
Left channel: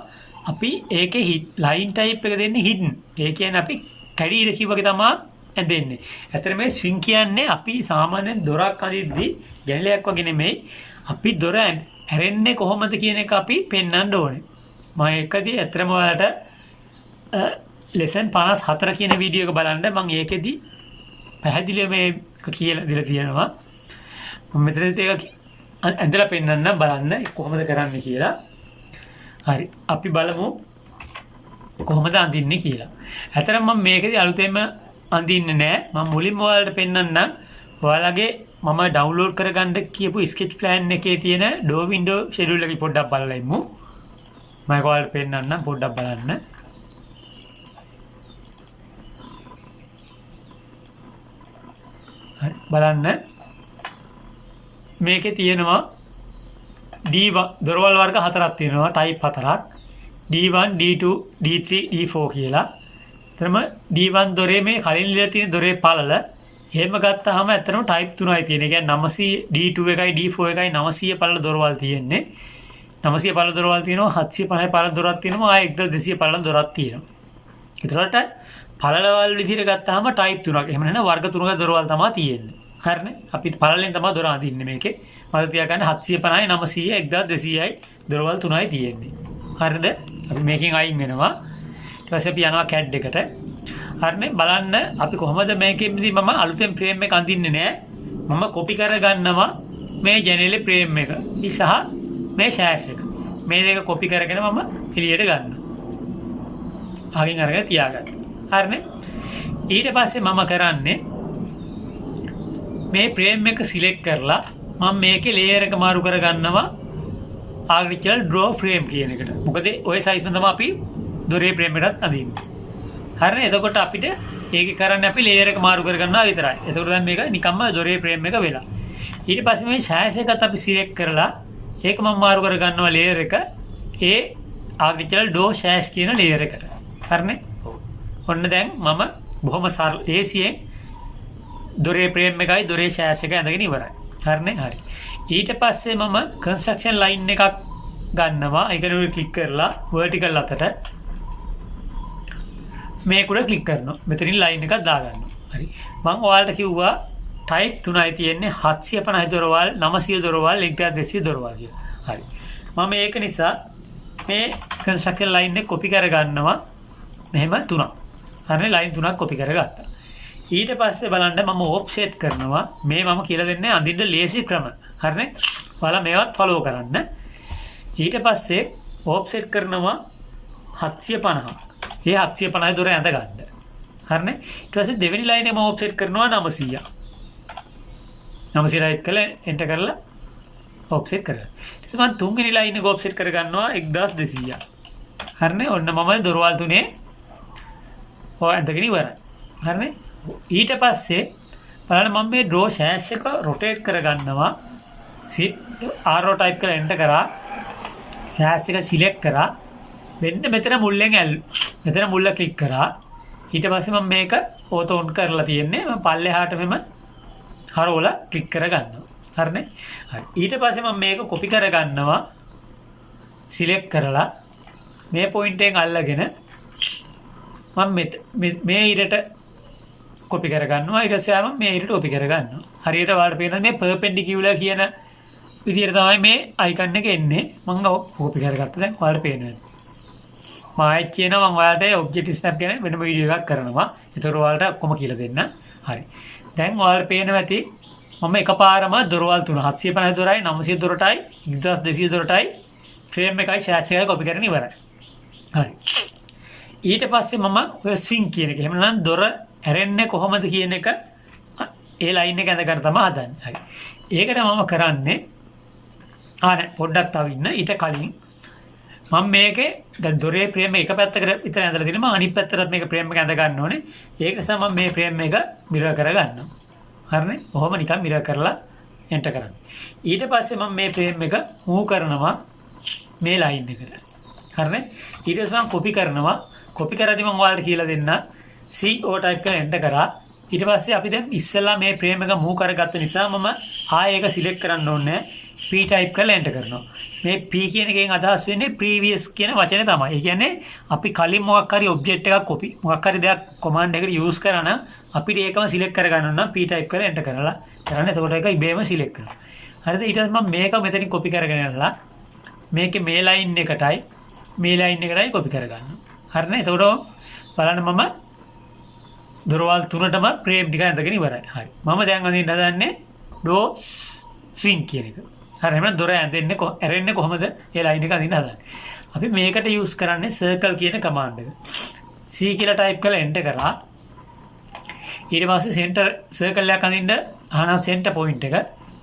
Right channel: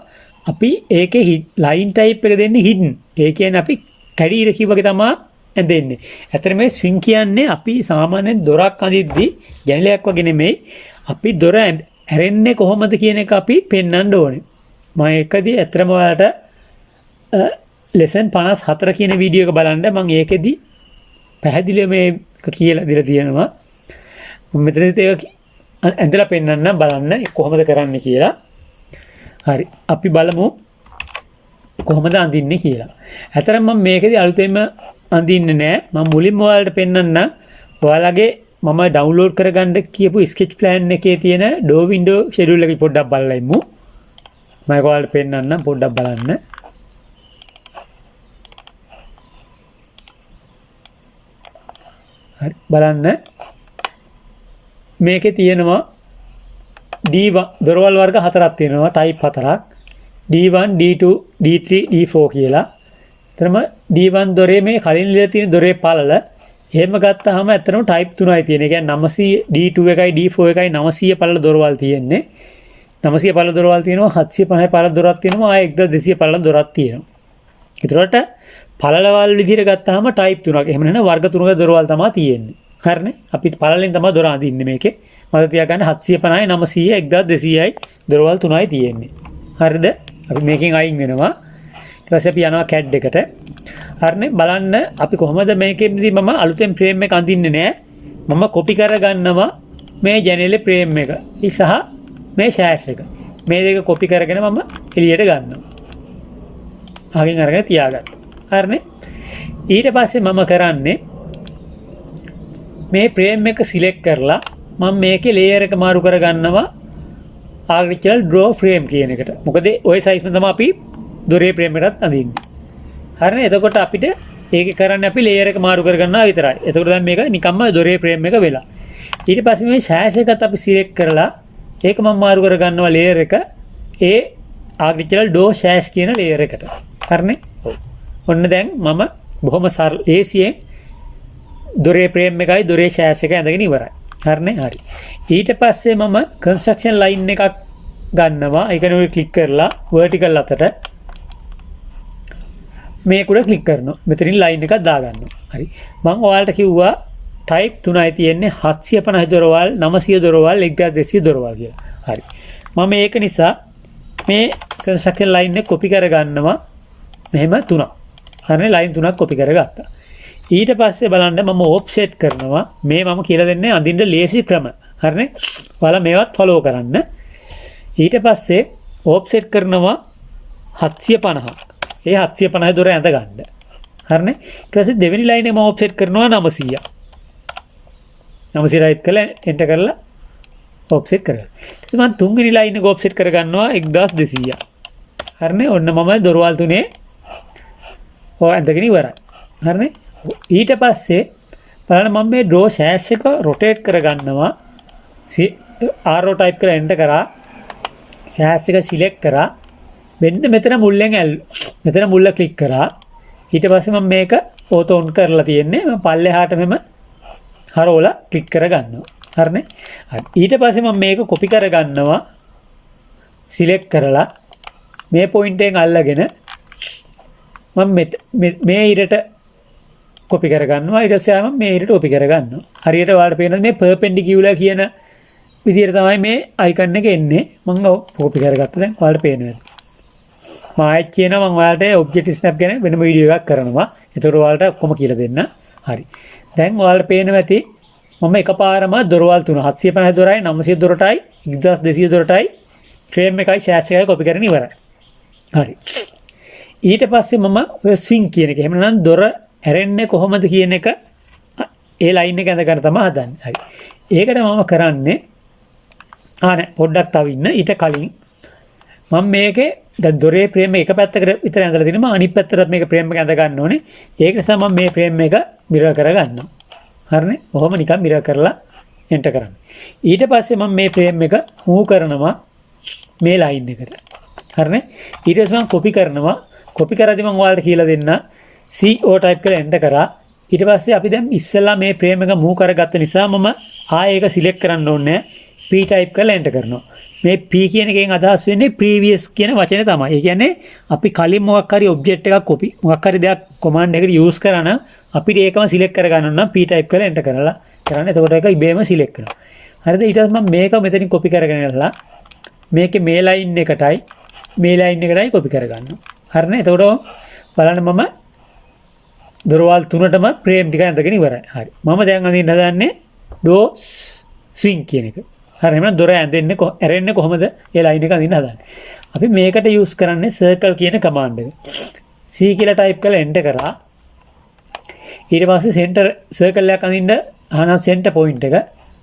අපි ඒකේ ලයින් ටයිප් එක දෙන්නේ hidden. ඒ කියන්නේ අපි කැඩි ඉරකි වගේ තමයි ඇඳෙන්නේ. ඇත්තට මේ swing කියන්නේ අපි සාමාන්‍යයෙන් දොරක් අඳිද්දී ජනලයක් වගේ නෙමෙයි. අපි දොර ඇරෙන්නේ කොහොමද කියන එක අපි පෙන්වන්න ඕනේ. මම එකදී ඇත්තටම ඔයාලට lesson 54 කියන වීඩියෝ එක බලන්න මම ඒකෙදී පැහැදිලිව මේක කියලා දීලා තියෙනවා. මම මෙතනදී ඒක ඇඳලා පෙන්වන්න බලන්න කොහොමද කරන්නේ කියලා. හරි. අපි බලමු කොහොමද අඳින්නේ කියලා. ඇත්තටම මම මේකදී අලුතෙන්ම අඳින්නේ නැහැ. මම මුලින්ම ඔයාලට පෙන්වන්න ඔයාලගේ මම ඩවුන්ලෝඩ් කරගන්න කියපු ස්කෙච් ප්ලෑන් එකේ තියෙන ඩෝ වින්ඩෝ ෂෙඩියුල් එක පොඩ්ඩක් බලලා ඉමු. මම ඒක ඔයාලට පෙන්වන්නම් පොඩ්ඩක් බලන්න. හරි බලන්න. මේකේ තියෙනවා D1 දොරවල් වර්ග හතරක් තියෙනවා ටයිප් හතරක්. D1, D2, D3, D4 කියලා. එතනම D1 දොරේ මේ කලින් ඉඳලා තියෙන දොරේ පළල එහෙම ගත්තාම ඇත්තටම ටයිප් 3යි තියෙන්නේ. ඒ කියන්නේ 900 D2 එකයි D4 එකයි 900 පළල දොරවල් තියෙන්නේ. 900 පළල දොරවල් තියෙනවා 750 පළල දොරක් තියෙනවා ආයෙ 1200 පළල දොරක් තියෙනවා. ඒතරට පළලවල් විදිහට ගත්තාම ටයිප් 3ක්. එහෙම නැත්නම් වර්ග 3ක දොරවල් තමයි තියෙන්නේ. හරිනේ. අපි පළලෙන් තමයි දොර අඳින්නේ මේකේ. මම තියාගන්න 750යි 900යි 1200යි දොරවල් 3යි තියෙන්නේ. හරිද? අපි මේකෙන් අයින් වෙනවා. ඊට පස්සේ අපි යනවා CAD එකට. හරිනේ. බලන්න අපි කොහොමද මේකෙදී මම අලුතෙන් ෆ්‍රේම් එක අඳින්නේ නැහැ. මම කොපි කරගන්නවා මේ ජනේලේ ෆ්‍රේම් එක. සහ මේ ෂෑෂ් එක. මේ දෙක කොපි කරගෙන මම එළියට ගන්නවා. අගින් අරගෙන තියාගන්න. හරිනේ. ඊට පස්සේ මම කරන්නේ මේ ෆ්‍රේම් එක සිලෙක්ට් කරලා මම මේකේ ලේයර් එක මාරු කරගන්නවා ආග්‍රිචරල් ඩ්‍රෝ ෆ්‍රේම් කියන එකට. මොකද ওই සයිස් එක තමයි අපි දොරේ ෆ්‍රේම් එකටත් අඳින්නේ. හරිනේ. එතකොට අපිට ඒක කරන්න අපි ලේයර් එක මාරු කරගන්නවා විතරයි. එතකොට දැන් මේක නිකම්ම දොරේ ෆ්‍රේම් එක වෙලා. ඊට පස්සේ මේ සෑෂ් එකත් අපි සිලෙක්ට් කරලා ඒක මම මාරු කරගන්නවා ලේයර් එක ඒ ආග්‍රිචරල් ඩෝ සෑෂ් කියන ලේයර් එකට. හරිනේ. ඔන්න දැන් මම බොහොම ඒසියෙන් දොරේ ෆ්‍රේම් එකයි දොරේ සෑෂ් එක ඇඳගෙන ඉවරයි. හරිනේ. හරි. ඊට පස්සේ මම කන්ස්ට්‍රක්ෂන් ලයින් එකක් ගන්නවා. ඒක නෙවෙයි ක්ලික් කරලා vertical අතට මේක උඩ ක්ලික් කරනවා. මෙතනින් ලයින් එකක් දාගන්නවා. හරි. මම ඔයාලට කිව්වා ටයිප් 3යි තියෙන්නේ 750 දොරවල් 900 දොරවල් 1200 දොරවල් කියලා. හරි. මම ඒක නිසා මේ කන්ස්ට්‍රක්ෂන් ලයින් එක කොපි කරගන්නවා. මෙහෙම 3ක්. හරිනේ. ලයින් 3ක් කොපි කරගත්තා. ඊට පස්සේ බලන්න මම ඔෆ්සෙට් කරනවා. මේ මම කියලා දෙන්නේ අඳින්න ලේසි ක්‍රම. හරිනේ. ඔයාලා මේවත් ෆලෝ කරන්න. ඊට පස්සේ ඔෆ්සෙට් කරනවා 750. ඒ 750 දොර ඇඳ ගන්න. හරිනේ. ඊට පස්සේ දෙවෙනි ලයින් එක මම ඔෆ්සෙට් කරනවා 900. 900 රයිට් කරලා එන්ටර් කරලා ඔෆ්සෙට් කරගන්න. ඊට පස්සේ මම තුන්වෙනි ලයින් එක ඔෆ්සෙට් කරගන්නවා 1200. හරිනේ. ඔන්න මම දොරවල් තුනේ ඔය ඇඳගෙන ඉවරයි. හරිනේ. ඊට පස්සේ බලන්න මම මේ ඩ්‍රෝ සෑෂ් එක රොටේට් කරගන්නවා. ආරෝ ටයිප් කරලා එන්ටර් කරා. සෑෂ් එක සිලෙක්ට් කරා. මෙන්න මෙතන මුල්ලෙන් මෙතන මුල්ල ක්ලික් කරා. ඊට පස්සේ මම මේක ඕතෝ ඔන් කරලා තියෙන්නේ. මම පල්ලෙහාට මෙම හරවලා ක්ලික් කරගන්නවා. හරිනේ. හරි. ඊට පස්සේ මම මේක කොපි කරගන්නවා. සිලෙක්ට් කරලා මේ පොයින්ට් එකෙන් අල්ලගෙන මම මේ ඉරට කොපි කරගන්නවා. ඊට පස්සේ මම මේ ඉරට කොපි කරගන්නවා. හරියට ඔයාලට පේනවා මේ perpendicular කියන විදිහට තමයි මේ අයිකන් එක එන්නේ. මම කොපි කරගත්තා. දැන් ඔයාලට පේනවා. මායික් කියනවා මම ඔයාලට ඔබ්ජෙක්ටිව් ස්නැප් ගැන වෙනම වීඩියෝ එකක් කරනවා. ඒතකොට ඔයාලට ඔක්කොම කියලා දෙන්න. හරි. දැන් ඔයාලට පේනවා ඇති මම එකපාරම දොරවල් 3 750 දොරයි 900 දොරටයි 1200 දොරටයි ෆ්‍රේම් එකයි සෑෂ් එකයි කොපි කරගෙන ඉවරයි. හරි. ඊට පස්සේ මම ඔය ස්විං කියන එක එහෙම නැත්නම් දොර ඇරෙන්නේ කොහොමද කියන එක ඒ ලයින් එක ඇඳ ගන්න තමයි හදන්නේ. හරි. ඒකට මම කරන්නේ නෑ පොඩ්ඩක් තව ඉන්න. ඊට කලින් මම මේකේ දැන් දොරේ ෆ්‍රේම් එක පැත්තකට විතර ඇඳලා තිනවා. අනිත් පැත්තටත් මේක ෆ්‍රේම් එක ඇඳ ගන්න ඕනේ. ඒක නිසා මම මේ ෆ්‍රේම් එක මිරර් කරගන්නවා. හරිනේ. ඔහොම නිකන් මිරර් කරලා එන්ටර් කරන්න. ඊට පස්සේ මම මේ ෆ්‍රේම් එක මූව් කරනවා මේ ලයින් එකට. හරිනේ. ඊට පස්සේ මම කොපි කරනවා. කොපි කරද්දි මම ඔයාලට කියලා දෙන්න CO ටයිප් කරලා එන්ටර් කරා. ඊට පස්සේ අපි දැන් ඉස්සෙල්ලා මේ ෆ්‍රේම් එක මූව් කරගත්ත නිසා මම ආයෙ ඒක සිලෙක්ට් කරන්න ඕනේ. P ටයිප් කරලා එන්ටර් කරනවා. මේ P කියන එකෙන් අදහස් වෙන්නේ previous කියන වචනේ තමයි. ඒ කියන්නේ අපි කලින් මොකක් හරි ඔබ්ජෙක්ට් එකක් කොපි මොකක් හරි දෙයක් command එකකට use කරා නම් අපිට ඒකම සිලෙක්ට් කරගන්න ඕන නම් P ටයිප් කරලා එන්ටර් කරලා කරන්න. එතකොට ඒක ඉබේම සිලෙක්ට් වෙනවා. හරිද? ඊට පස්සේ මම මේක මෙතනින් කොපි කරගෙන යලා මේකේ මේ ලයින් එකටයි මේ ලයින් එකටයි කොපි කරගන්නවා. හරිනේ. එතකොට බලන්න මම දොරවල් තුනටම ෆ්‍රේම් ටික ඇඳගෙන ඉවරයි. හරි. මම දැන් අඳින්න හදන්නේ ඩෝ ස්විං කියන එක. හරි. එහෙනම් දොර ඇරෙන්නේ කොහමද? ඒ ලයින් එක අඳින්න හදන්නේ. අපි මේකට යූස් කරන්නේ circle කියන කමාන්ඩ් එක. C කියලා ටයිප් කරලා එන්ටර් කරා. ඊට පස්සේ center circle එකක් අඳින්න ආන center point එක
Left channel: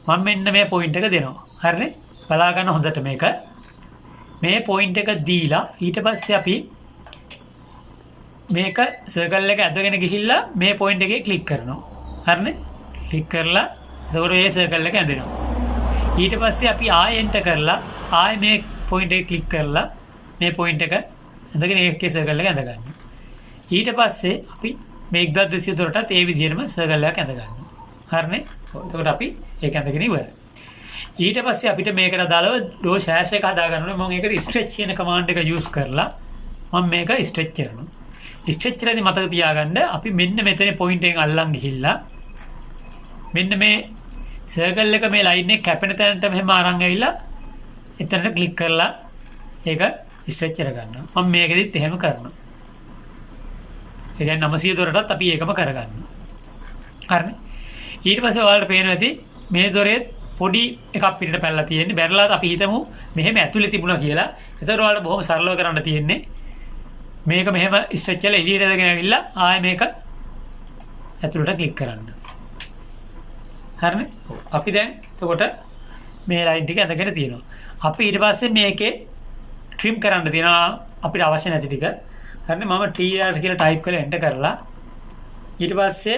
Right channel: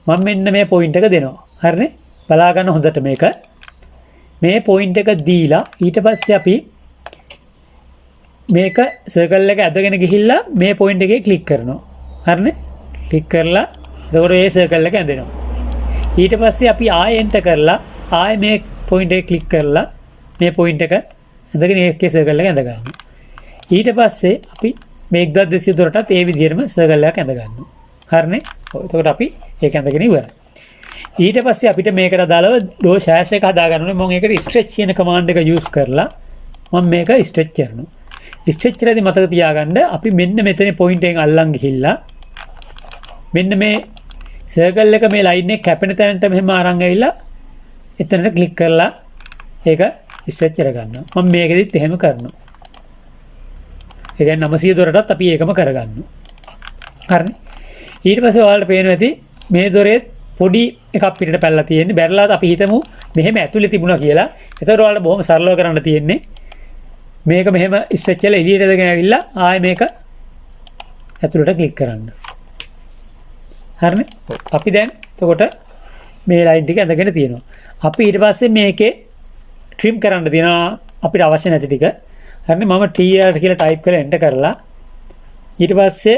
මම මෙන්න මේ point එක දෙනවා. හරිනේ. බලා ගන්න හොඳට මේක. මේ point එක දීලා ඊට පස්සේ අපි මේක circle එක ඇදගෙන ගිහිල්ලා මේ point එකේ click කරනවා. හරිනේ. click කරලා එතකොට මේ circle එක ඇදෙනවා. ඊට පස්සේ අපි ආයෙ enter කරලා ආයෙ මේ point එක click කරලා මේ point එක ඇදගෙන ඒකේ circle එක ඇද ගන්නවා. ඊට පස්සේ අපි මේ 1200 දොරටත් ඒ විදිහටම circle එකක් ඇද ගන්නවා. හරිනේ. එතකොට අපි ඒක ඇදගෙන ඉවරයි. ඊට පස්සේ අපිට මේකට අදාළව ඩෝ සෑෂ් එක හදා ගන්න ඕනේ. මම ඒකට stretch කියන command එක use කරලා මම මේක stretch කරනවා. stretch කරද්දී මතක තියාගන්න අපි මෙන්න මෙතන point එකෙන් අල්ලන් ගිහිල්ලා මෙන්න මේ circle එක මේ line එක කැපෙන තැනට මෙහෙම අරන් ඇවිල්ලා එතනට click කරලා ඒක stretch කරගන්නවා. මම මේකෙදිත් එහෙම කරනවා. ඒ කියන්නේ 900 දොරටත් අපි ඒකම කරගන්නවා. හරිනේ. ඊට පස්සේ ඔයාලට පේනවා ඇති මේ දොරේ පොඩි එකක් පිටට පැනලා තියෙන්නේ. බැරලා අපි හිතමු මෙහෙම ඇතුලේ තිබුණා කියලා. ඒතකොට ඔයාලට බොහොම සරලව කරන්න තියෙන්නේ මේක මෙහෙම ස්ට්‍රෙච් කරලා එළියට දාගෙන ඇවිල්ලා ආයෙ මේක ඇතුලට ක්ලික් කරන්න. හරිනේ. අපි දැන් එතකොට මේ ලයින් ටික ඇඳගෙන තියෙනවා. අපි ඊට පස්සේ මේකේ trim කරන්න තියෙනවා අපිට අවශ්‍ය නැති ටික. හරිනේ මම tr කියලා type කරලා enter කරලා ඊට පස්සේ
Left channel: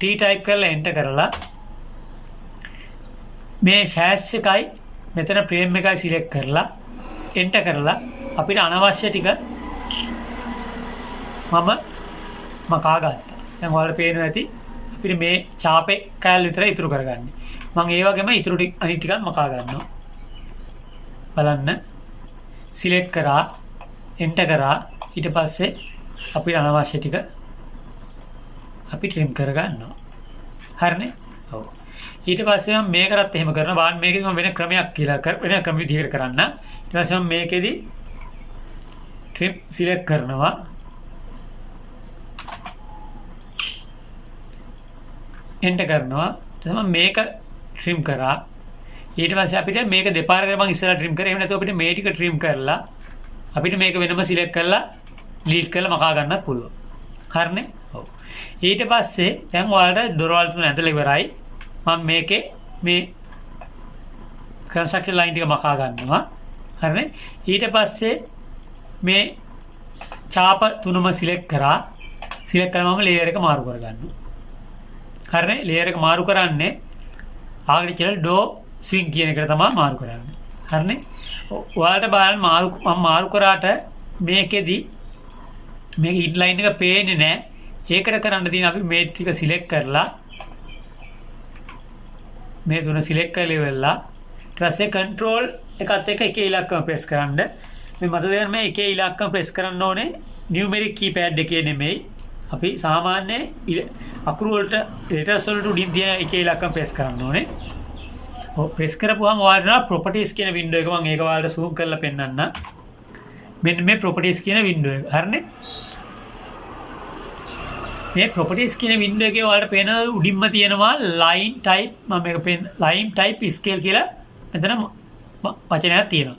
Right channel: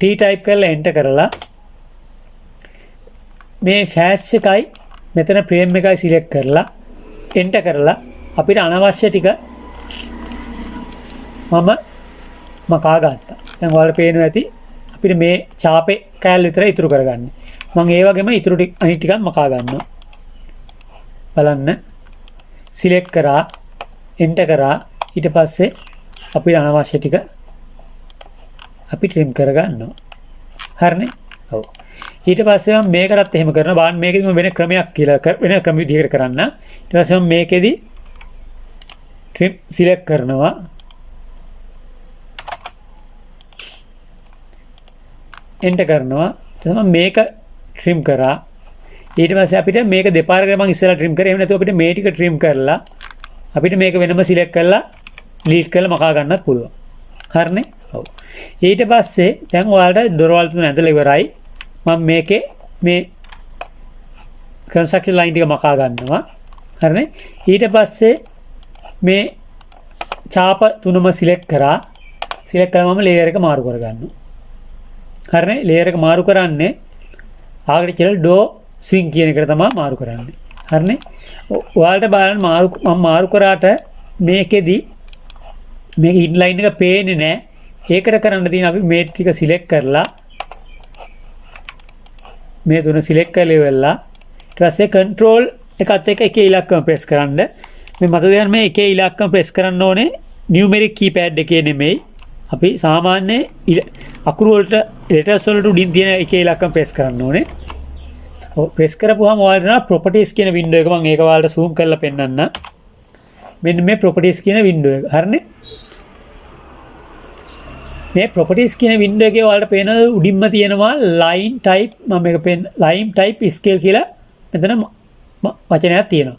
t type කරලා enter කරලා මේ hash එකයි මෙතන frame එකයි select කරලා enter කරලා අපිට අනවශ්‍ය ටික මම මකා ගත්තා. දැන් ඔයාලට පේනවා ඇති අපිට මේ ඡාපේ කෑල්ල විතරයි ඉතුරු කරගන්නේ. මම ඒ වගේම ඉතුරු ටික අනිත් ටිකත් මකා ගන්නවා. බලන්න select කරා enter කරා ඊට පස්සේ අපිට අනවශ්‍ය ටික අපි trim කර ගන්නවා. හරිනේ? ඔව්. ඊට පස්සේ මම මේකටත් එහෙම කරනවා. බලන්න මේකෙදි මම වෙන ක්‍රමයක් කියලා වෙන ක්‍රම විදිහකට කරන්න. ඊට පස්සේ මම මේකෙදි trim select කරනවා. enter කරනවා. ඊට පස්සේ මම මේක trim කරා. ඊට පස්සේ අපිට මේක දෙපාරකට මම ඉස්සෙල්ලා trim කරේ. එහෙම නැතුව අපිට මේ ටික trim කරලා අපිට මේක වෙනම select කරලා delete කරලා මකා ගන්නත් පුළුවන්. හරිනේ? ඔව්. ඊට පස්සේ දැන් ඔයාලට දොරවල් තුන ඇඳලා ඉවරයි. මම මේකේ මේ construction line ටික මකා ගන්නවා. හරිනේ? ඊට පස්සේ මේ ඡාප තුනම select කරා. select කරලා මම layer එක මාරු කර ගන්නවා. හරිනේ? layer එක මාරු කරන්නේ ආග්‍රිචරල් ඩෝ ස්විං කියන එකට තමයි මාරු කරන්නේ. හරිනේ? ඔයාලට බලන්න මම මාරු කරාට මේකෙදි මේක ඉන්ලයින් එක පේන්නේ නැහැ. ඒකට කරන්න තියෙන අපි මේ ටික සිලෙක්ට් කරලා මේ තුන සිලෙක්ට් කරලා ඉවරලා ඊට පස්සේ control එකත් එක්ක එකේ ඉලක්කම ප්‍රෙස් කරන්න. මේ මතක තියාගන්න මේ එකේ ඉලක්කම ප්‍රෙස් කරන්න ඕනේ numeric keypad එකේ නෙමෙයි. අපි සාමාන්‍ය අකුරු වලට letters වලට උඩින් තියෙන එකේ ඉලක්කම ප්‍රෙස් කරන්න ඕනේ. ප්‍රෙස් කරපුවාම ඔයාලට properties කියන window එක මම ඒක ඔයාලට zoom කරලා පෙන්නන්න. මෙන්න මේ properties කියන window එක. හරිනේ? මේ properties කියන window එකේ ඔයාලට පේන උඩින්ම තියෙනවා line type මම මේක line type scale කියලා මෙතන වචනයක් තියෙනවා.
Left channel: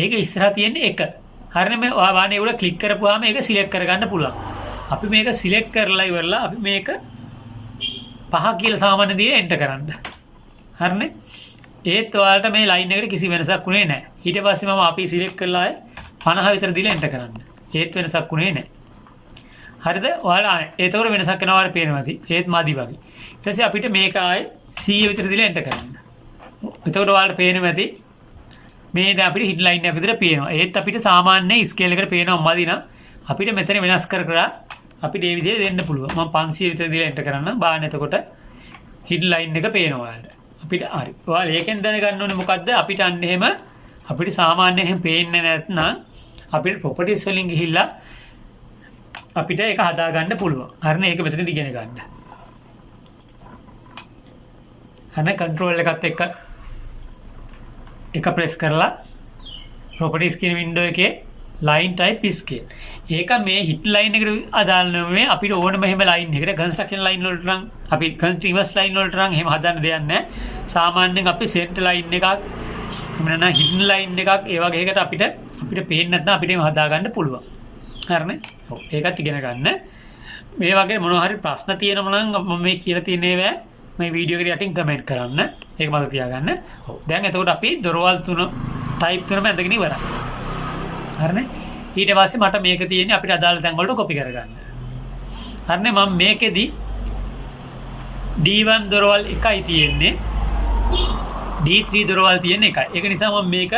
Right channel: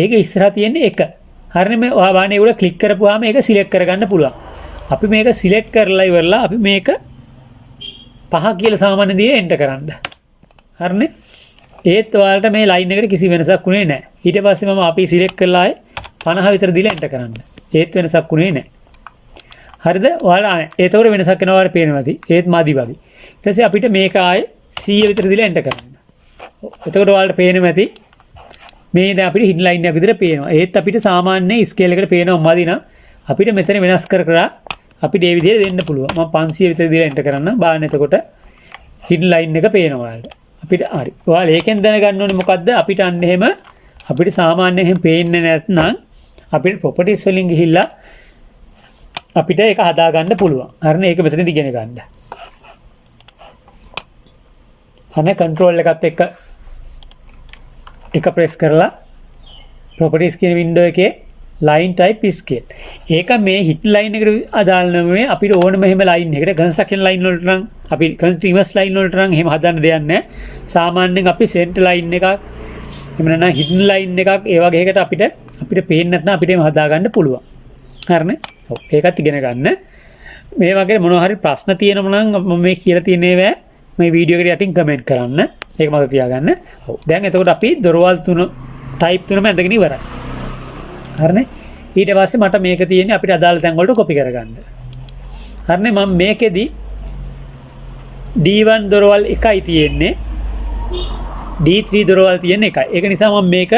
ඒක ඉස්සරහා තියෙන්නේ 1. හරිනේ මේ ඔයා බලන්න ඒක ක්ලික් කරපුවාම ඒක select කරගන්න පුළුවන්. අපි මේක select කරලා ඉවරලා අපි මේක 5 කියලා සාමාන්‍ය දේ enter කරන්න. හරිනේ? ඒත් ඔයාලට මේ line එකට කිසි වෙනසක් උනේ නැහැ. ඊට පස්සේ මම අපි select කරලා 50 විතර දීලා enter කරන්න. ඒත් වෙනසක් උනේ නැහැ. හරිද? ඔයාලා ඒතකොට වෙනසක් වෙනවා වගේ පේනවාදී. ඒත් මදි වගේ. ඊට පස්සේ අපිට මේක ආයේ 100 විතර දීලා enter කරන්න. එතකොට ඔයාලට පේනවා ඇති මේ දැන් අපිට hidden line එක විතර පේනවා. ඒත් අපිට සාමාන්‍ය scale එකට පේනවා මදි නම් අපිට මෙතන වෙනස් කර අපිට ඒ විදිහට දෙන්න පුළුවන්. මම 500 විතර දීලා enter කරන්න. බලන්න එතකොට hidden line එක පේනවා ඔයාලට. අපිට හරි. ඔයාලා ඒකෙන් දැනගන්න ඕනේ මොකද්ද? අපිට අන්න එහෙම අපිට සාමාන්‍යයෙන් එහෙම පේන්නේ නැත්නම් අපිට properties වලින් ගිහිල්ලා අපිට ඒක හදා ගන්න පුළුවන්. හරිනේ? ඒක මෙතනදී ඉගෙන ගන්න. හරිනේ? control එකත් එක්ක එක press කරලා properties කියන window එකේ line type scale. ඒක මේ hidden line එකට අදාළ නෙමෙයි අපිට ඕනම එහෙම line එකකට construction line වලට නම් අපි continuous line වලට නම් එහෙම හදන්න දෙයක් නැහැ. සාමාන්‍යයෙන් අපි center line එකක් එහෙම නැත්නම් hidden line එකක් ඒ වගේ එකකට අපිට පේන්නේ නැත්නම් අපිට එහෙම හදා ගන්න පුළුවන්. හරිනේ? ඔව් ඒකත් ඉගෙන ගන්න. මේ වගේ මොනවා හරි ප්‍රශ්න තියෙනවා නම් මම මේ කියලා තියෙන ඒවා මේ වීඩියෝ එකට යටින් කමෙන්ට් කරන්න. ඒක මතක තියාගන්න. ඔව් දැන් එතකොට අපි දොරවල් තුන type තුනම ඇඳගෙන ඉවරයි. හරිනේ? ඊට පස්සේ මට මේක තියෙන්නේ අපිට අදාළ තැන් වලට copy කරගන්න. හරිනේ? මම මේකෙදි D1 දොරවල් එකයි තියෙන්නේ. D3 දොරවල් තියෙන එකයි. ඒක නිසා මම මේක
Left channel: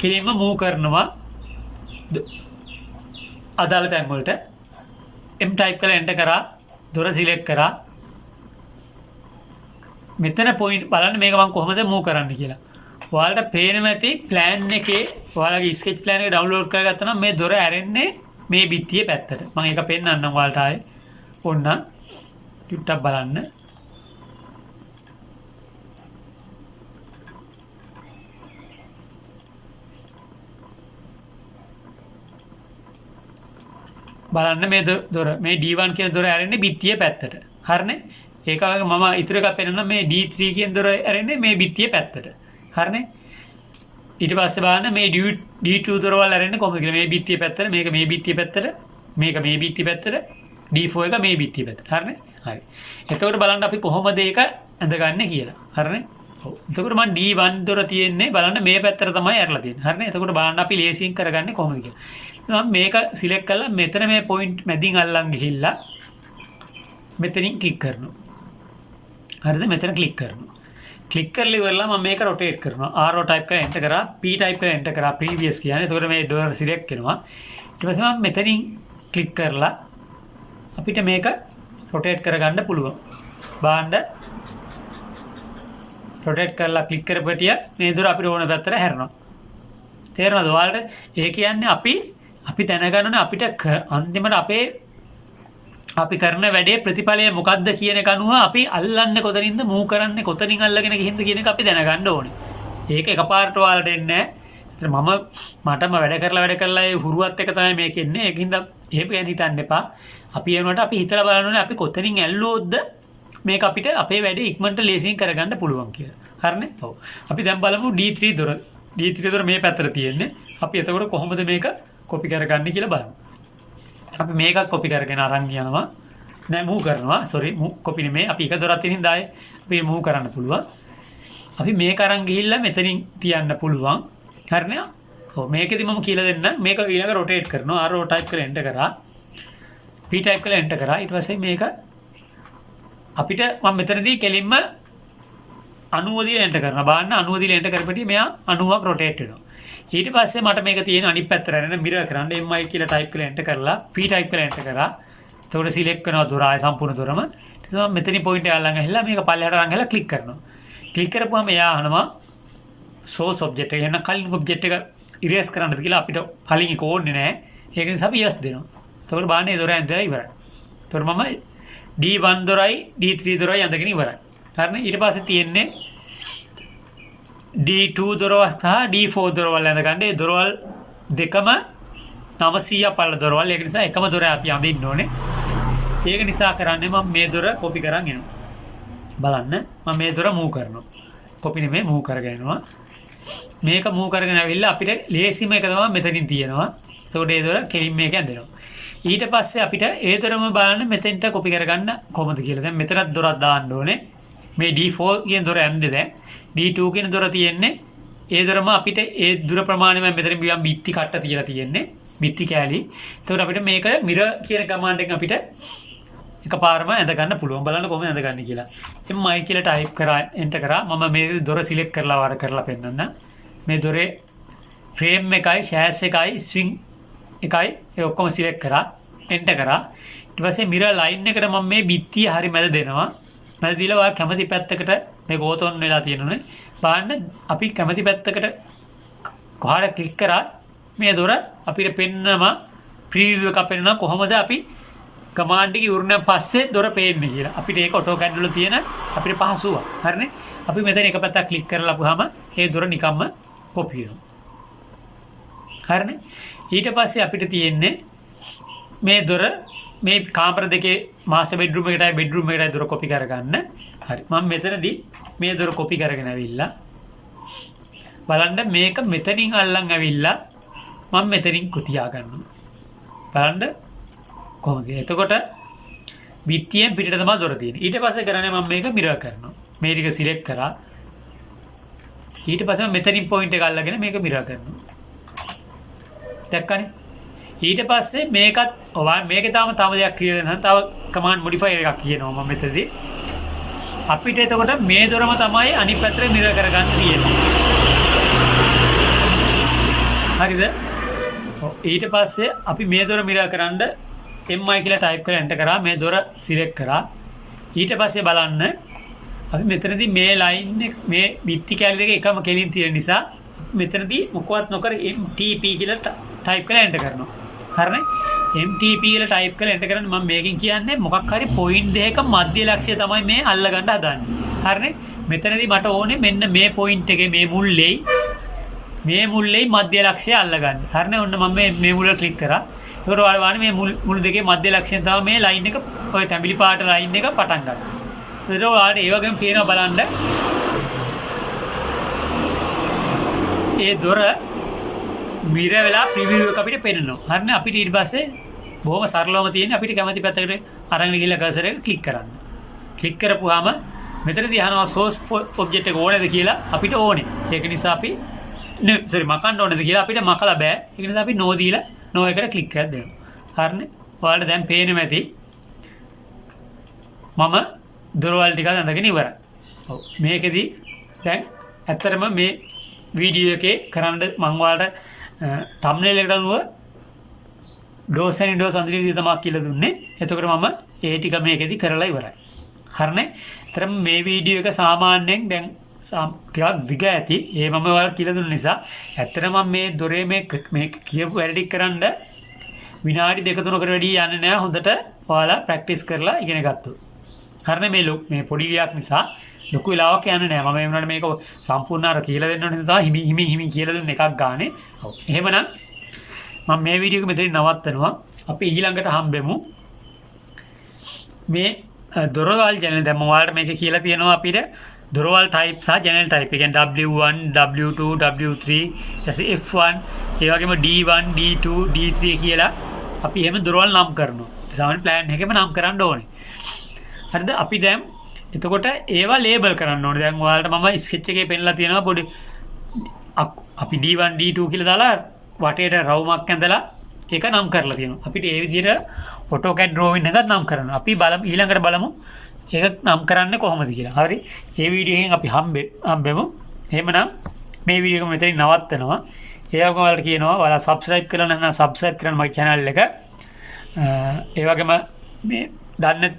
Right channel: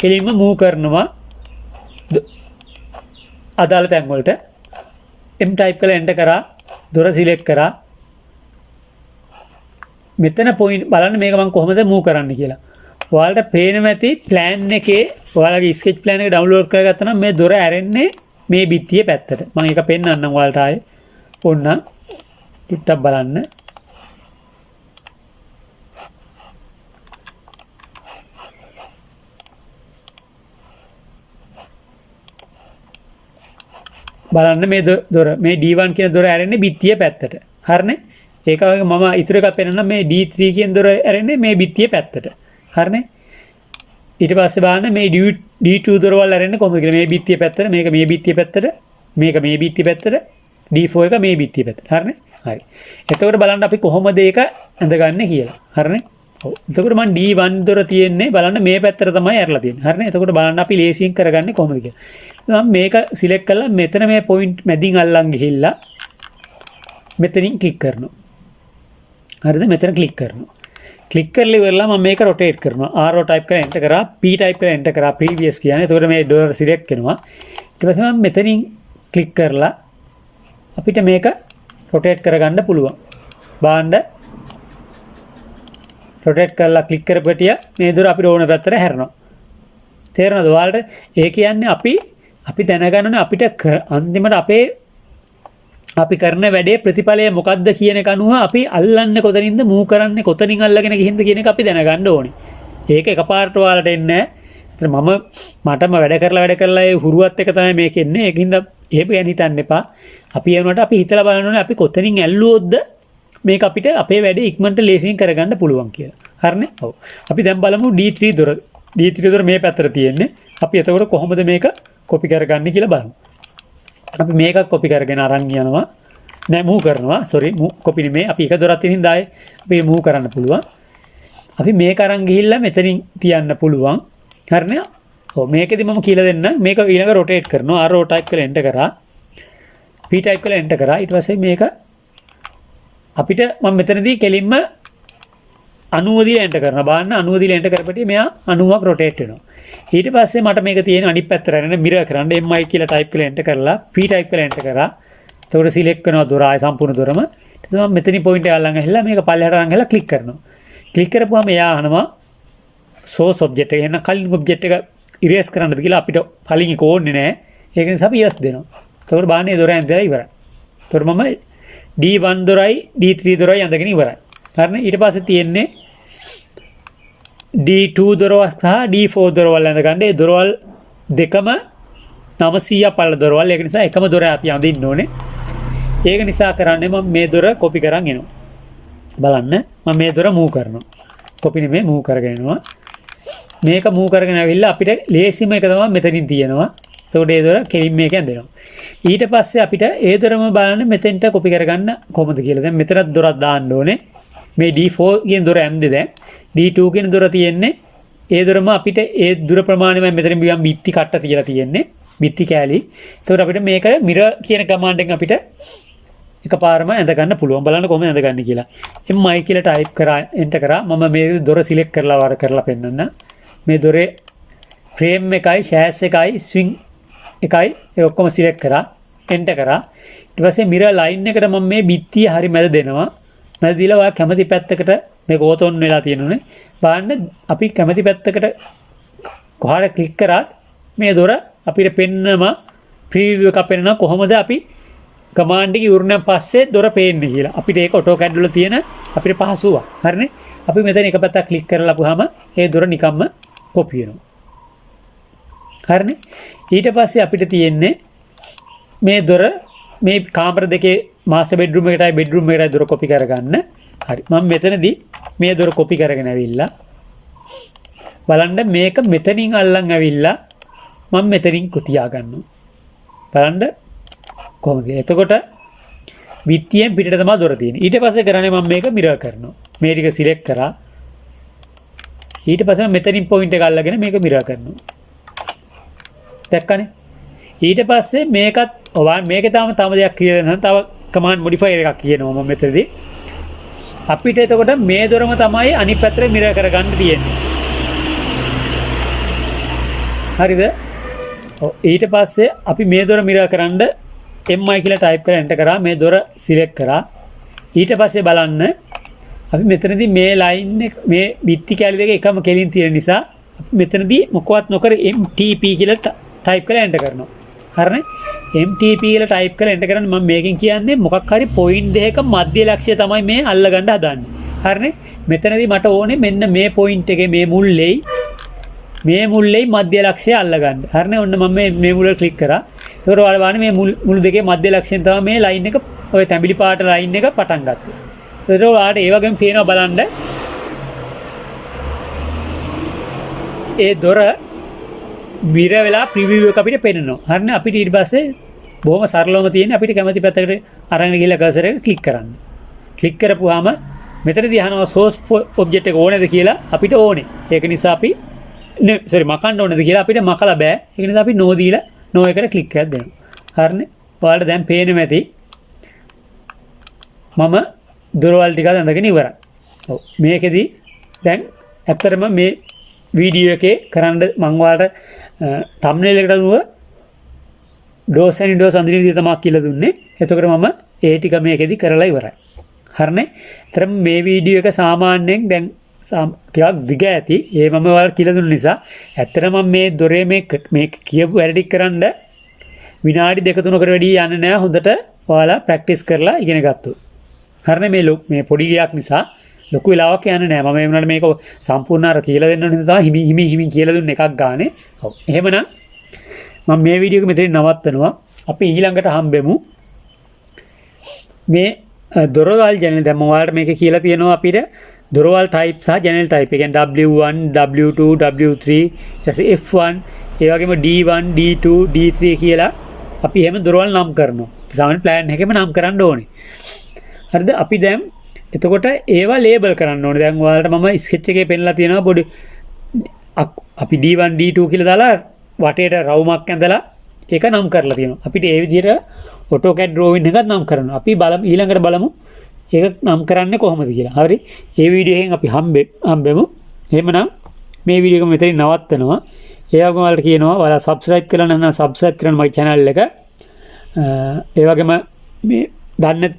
කෙලින්ම move කරනවා අදාළ තැන් වලට. M type කරලා enter කරා දොර select කරා. මෙතන point බලන්න මේක මම කොහොමද move කරන්න කියලා. ඔයාලට පේනවා ඇති plan එකේ ඔයාලගේ sketch plan එක download කරගත්තා නම් මේ දොර ඇරෙන්නේ මේ බිත්තියේ පැත්තට. මම ඒක පෙන්නන්නම් ඔයාලට ආයේ. ඕන්න ටිකක් බලන්න. බලන්න මේ දොර මේ D1 කියන දොර ඇරෙන්නේ බිත්තියේ පැත්තට. හරිනේ? ඒක වගේ මම ඉතුරු එකක් පෙන්නන්න මේ D3 කියන දොර ඇරෙන්නේ මේ බිත්තියේ පැත්තට. හරිනේ? ඊට පස්සේ බලන්න මේ D2 දොරවල් ඇරෙන්නේ කොහොමද කියලා මේ බිත්තියේ පැත්තට මේක මේ බිත්තියේ පැත්තට මේක මේ බිත්තියේ පැත්තට D4 එක මේ බිත්තියේ පැත්තට. හරිනේ? හරි. එතකොට බලන්න අපි කොහොමද ඒක ඇඳගන්නේ කියලා. හරිනේ? ඔව්. එතකොට මම D1 දොර තියෙන්නේ බලන්න මේ පැත්තට තමයි ඇරලා තියෙන්නේ. හරිනේ. එතකොට බලන්න අපි ලේසියෙන් කරගන්නේ කොහොමද කියලා. මම මේක සිලෙක්ට් කරලා මෙතන මේ පොයින්ට් මැදින් අල්ලන් ගිහිල්ලා මෙතනින් ක්ලික් කරනවා. හරිද? මෙතන ක්ලික් කරනවා. ක්ලික් කරලා ඉවරලා මම මේක රොටේට් කරනවා. RO ටයිප් කරලා එන්ටර් කරා, P ටයිප් කරලා එන්ටර් කරා, previous කියන්නේ. එතකොට මේ ඩෝර් සිලෙක්ට් වෙනවා. ඊට පස්සේ මම මෙතනින් ක්ලික් කරලා අපිට මේක රොටේට් කරගන්න පුළුවන්. බාන්න රොටේට් කරලා ක්ලික් කරපටිය මේ දොර අපිට ඕන පැත්තට හැරෙනවා. තේරෙනවද ඔයාලට? ඒ කියන්නේ අපි දැනගන්න ඕනේ අපිට අන්තිමට අපි කරන වැඩේ ප්‍රතිඵලය මොකක්ද කියන එක අනුව අපි අල්ලන්නේ කොතනින්ද, මූව් කරන්නේ කොතනින් අල්ලගෙන ගිහින්ද කියන එක අපි දැනගන්න ඕනේ. ඒක එකපාරට ඔයාලට එන්නේ නැහැ. මටම වැඩ කරලා ඒ හුරුවත් එක තමයි මේක එන්නේ. ඒකින්ද එහෙම ගැන හිතන්න එපා. අපි එනකොට අපි හිතලා බලන්න ඕනේ අපි කොතනින් ඇල්ලුවොත්ද මේක අපිට අපේ වැඩේ ඉක්මනට ලේසියෙන් කරගන්න පුළුවන් කියලා. හරිනේ? ඔව්. අපි දැන් බලමු D3 දොර. D3 දොර මේ පැත්තට තියෙන්නේ. අපි එතකොට කොහොමද මේක කොපි කරගන්නේ කියලා බලමු. අපි මේකක් කොපි කරගෙන අරන් යනවා. නෑ මූව් කරනවා. sorry කොපි නෙමෙයි. අපි එක දොරක් තියෙන හින්දා අපි මූව් කරන්න පුළුවන්. අපි මේක අරන් ගිහිල්ලා මෙතනින් තියන්න පුළුවන්. හරිනේ? ඔව් මේකෙදි මම කියලා දෙන්න. මේක ඊළඟ රොටේට් කරනවා. RO ටයිප් කරලා එන්ටර් කරා. P ටයිප් කරලා එන්ටර් කරා. ඊට පස්සේ මේක අපිට මම මෙතනදී කෙලින්ම 90 දීලා එන්ටර් කරනවා. බලන්න 90 දීලා එන්ටර් කරපටිය මෙයා 90ක් රොටේට් වෙනවා. ඊට පස්සේ මට මේක තියෙන අනිත් පැත්තට රැඳෙන මිරර් කරන්න MI කියලා ටයිප් කරලා එන්ටර් කරලා P ටයිප් කරලා එන්ටර් කරා. එතකොට සිලෙක්ට් කරනවා දොර ආය සම්පූර්ණ දොරම. ඊට පස්සේ මම මෙතනින් පොයින්ට් එක අල්ලන් ඇහිලා මේක පල්ලෙහාට අරන් ගහලා ක්ලික් කරනවා. ක්ලික් කරපුවම එයා අහනවා source object එක. එහෙනම් කලින් object එක erase කරන්නද කියලා අපිට කලින් ඒක ඕනේ නැහැ. ඒක නිසා අපි yes දෙනවා. එතකොට බාන්නේ දොර ඇඳලා ඉවරයි. එතකොට මම D1 දොරයි D3 දොරයි ඇඳගෙන ඉවරයි. හරිනේ? ඊට පස්සේ තියෙන්නේ D2 දොරවල් සහ D4 දොරවල් ඇඳගන්න. ඒ දොරවල් දෙකම 900 පළ දොරවල්. ඒක නිසා එකම දොර අපි අඳින්න ඕනේ. ඒක නිසා කරන්නේ මම මේ දොර කොපි කරන් එනවා. බලන්න මම මේ දොර මූව් කරනවා. කොපි නෙමෙයි මූව් කරගෙන එනවා. මේක මූව් කරගෙන ඇවිල්ලා අපිට ලේසිම එක තමයි මෙතනින් තියෙනවා. එතකොට ඒ දොර කෙලින් මේක ඇඳෙනවා. ඊට පස්සේ අපිට ඒ දොරම බලන්න මෙතෙන්ට කොපි කරගන්න කොහොමද කියලා. දැන් මෙතනත් දොරක් දාන්න ඕනේ. මේ D4 කියන දොර ඇඳේ දැන්. D2 කියන දොර තියෙන්නේ. ඒ දොරම අපිට ඒ දුර ප්‍රමාණය මම මෙතනින් බියම් බිත්ති කට්ට තියලා තියෙන්නේ. බිත්ති කෑලි. එතකොට අපිට මේක මිරර් කියන කමාන්ඩ් එකෙන් අපිට එකපාරම ඇඳ ගන්න පුළුවන්. බලන්න කොහොමද ඇඳ ගන්න කියලා. MI කියලා ටයිප් කරා එන්ටර් කරා. මම මේ දොර සිලෙක්ට් කරලා වර කරලා පෙන්නන්න. මේ දොරේ ෆ්‍රේම් එකයි, ෂෑෂ් එකයි, ස්විං එකයි ඒ ඔක්කොම සිලෙක්ට් කරා එන්ටර් කරා. ඊට පස්සේ මිරර් ලයින් එකට මම මේ බිත්තිය හරි මැද දෙනවා. මැද දීලා ඔයා කැමති පැත්තකට මේක ඕතොන් වෙලා තියෙනුනේ. බලන්න අපි කැමති පැත්තකට කොහාට ක්ලික් කරාත් මේ දොර අපිට පෙන්නම ප්‍රීවියු එකක් පෙන්නනවා කොහොමද අපි කමාන්ඩ් එක ඉවරනන් පස්සේ දොර පේන්නේ කියලා. අපිට ඒක AutoCAD වල තියෙන අපිට පහසුවක්. හරිනේ? අපි මෙතන එක පැත්තක් ක්ලික් කරලා අපුවාම ඒ දොර නිකම්ම කොපි වෙනවා. හරිනේ? ඊට පස්සේ අපිට තියෙන්නේ මේ දොර මේ කාමර දෙකේ මාස්ටර් බෙඩ්රූම් එකටයි බෙඩ්රූම් එකටයි දොර කොපි කරගන්න. හරි. මම මෙතනදී මේ දොර කොපි කරගෙන ඇවිල්ලා බලන්න මේක මෙතනින් අල්ලන් ඇවිල්ලා මම මෙතනින් තියා ගන්නවා. බලන්න කොහොමද? එතකොට විත්තියෙන් පිටට තමයි දොර තියෙන්නේ. ඊට පස්සේ කරන්නේ මම මේක මිරර් කරනවා. මේ ටික සිලෙක්ට් කරා. ඊට පස්සේ මම මෙතනින් පොයින්ට් එක අල්ලගෙන මේක මිරර් කරනවා. දැක්කනේ? ඊට පස්සේ මේකත් මේකේ තව දෙයක් කියලා දෙනවා. තව කමාන්ඩ් මොඩිෆයර් එකක් කියනවා මම මෙතනදී. අපිට එතකොට මේ දොරම තමයි අනිත් පැත්තට මිරර් කරගන්න තියෙන්නේ. හරිද? ඊට පස්සේ අපි මේ දොර මිරර් කරන්න MI කියලා ටයිප් කරලා එන්ටර් කරා. මේ දොර සිලෙක්ට් කරා. ඊට පස්සේ බලන්න අපි මෙතනදී මේ ලයින් එක මේ බිත්ති කැලි දෙක එකම කෙලින් තියෙන නිසා මෙතනදී මොකවත් නොකර MTP කියලා ටයිප් කරලා එන්ටර් කරනවා. හරිනේ? MTP කියලා ටයිප් කරලා එන්ටර් කරන්නේ මම මේකෙන් කියන්නේ මොකක් හරි පොයින්ට් දෙකක මධ්‍ය ලක්ෂ්‍ය තමයි මේ අල්ලගන්න හදන්නේ. හරිනේ? මෙතනදී මට ඕනේ මෙන්න මේ පොයින්ට් එකේ මේ මුල්ලේ මධ්‍ය ලක්ෂ්‍යය අල්ලගන්න. හරිනේ? ඔන්න මම මේ මුල ක්ලික් කරා. එතකොට ඔයාලා බලන්න මේ මුළු දෙකේ මධ්‍ය ලක්ෂ්‍යයෙන් තමයි මේ ලයින් එක ඔය තැඹිලි පාට ලයින් එක පටන් ගත්තේ. එතකොට ඔයාලට ඒ වගේම පේනවා බලන්න. ඒ දොර මිරර් වෙලා ප්‍රිවිව් එක අපිට පේනවා. හරිනේ? අපිට ඊට පස්සේ බොහොම සරලවම තියෙන්නේ අපිට කැමති පැත්තකට අරගෙන ගිහලා කර්සර් එක ක්ලික් කරන්න. ක්ලික් කරපුවාම මෙතනදී අහනවා source object එක ඕනේද කියලා අපිට ඕනේ. ඒක නිසා අපි මකන්න ඕනේද කියලා අපිට මකලා බෑ. ඒක නිසා අපි no දීලා no එකට ක්ලික් එකක් දෙනවා. හරිනේ. ඔයාලට දැන් පේන්නේ නැති මම දොරවල් ටික අඳගෙන ඉවරයි. ඔව් මේකෙදි දැන් ඇත්තටම මේ වීඩියෝ එකේ කරන්න මම ඔයාලට thumbnail එකට අනුව do's and windows අඳින විදිහ තමයි කියලා දුන්නේ. එතකොට මම ඒ ටික මේකෙදි කරලා ඉවරයි. හරිනේ. ඇත්තටම මේ වීඩියෝ එක සාමාන්‍යයෙන් දැන් ටිකක් දිග ඇති. ඒ මම ඔයාලට කියලා දුන්න නිසා ඇත්තටම මම මේ දොරේ මේ කියපු වැඩ ටික කරන්න විනාඩි 2-3කට වැඩි යන්නේ නැහැ. හොඳට ඔයාලා ප්‍රැක්ටිස් කරලා ඉගෙන ගත්තොත්. හරිනේ මේ පොඩි ගයක් නිසා ලොකු වෙලාවක් යන්නේ නැහැ. මම ඒ වුණාට මේක සම්පූර්ණ අර කියලා දෙන්න ඕනේ නිසා හිමි කියලා දුන්න එකක් ගානේ. ඔව්. එහෙමනම් මම මේ වීඩියෝ එක මෙතනින් නවත්තනවා. අපි ඊළඟට හම්බෙමු. මේ දොරවල් ජනල් දැන් මම ඔයාලට මේක කියලා තියෙනවා අපිට දොරවල් type සහ ජනල් type. ඒ කියන්නේ W1, W2, W3, ඊට F1, ඒ වගේම D1, D2, D3 කියලා අපි එහෙම දොරවල් නම් කරනවා. සාමාන්‍ය plan එකෙම නම් කරන්න ඕනේ. හරිද? අපි දැන් එතකොට ඒවා ලේබල් කරන්න ඕනේ. දැන් ඔයාලට මම ස්කෙච් එකේ පෙන්නලා තියෙනවා පොඩි අපි D1 D2 කියලා දාලා වටේට රවුමක් ඇඳලා ඒක නම් කරලා තියෙනවා. අපිට ඒ විදිහට AutoCAD drawing එකක් නම් කරනවා. අපි ඊළඟට බලමු ඒක නම් කරන්නේ කොහොමද කියලා. හරි. ඒ වීඩියෝ එකෙන් අපි හම්බෙමු. එහෙමනම් මේ වීඩියෝ එක මෙතනින් නවත්තනවා. ඒ වගේම ඔයාලට කියනවා ඔයාලා subscribe කරලා නැත්නම් subscribe කරන්න මගේ channel එක. ඒ වගේම මේ දන්නේ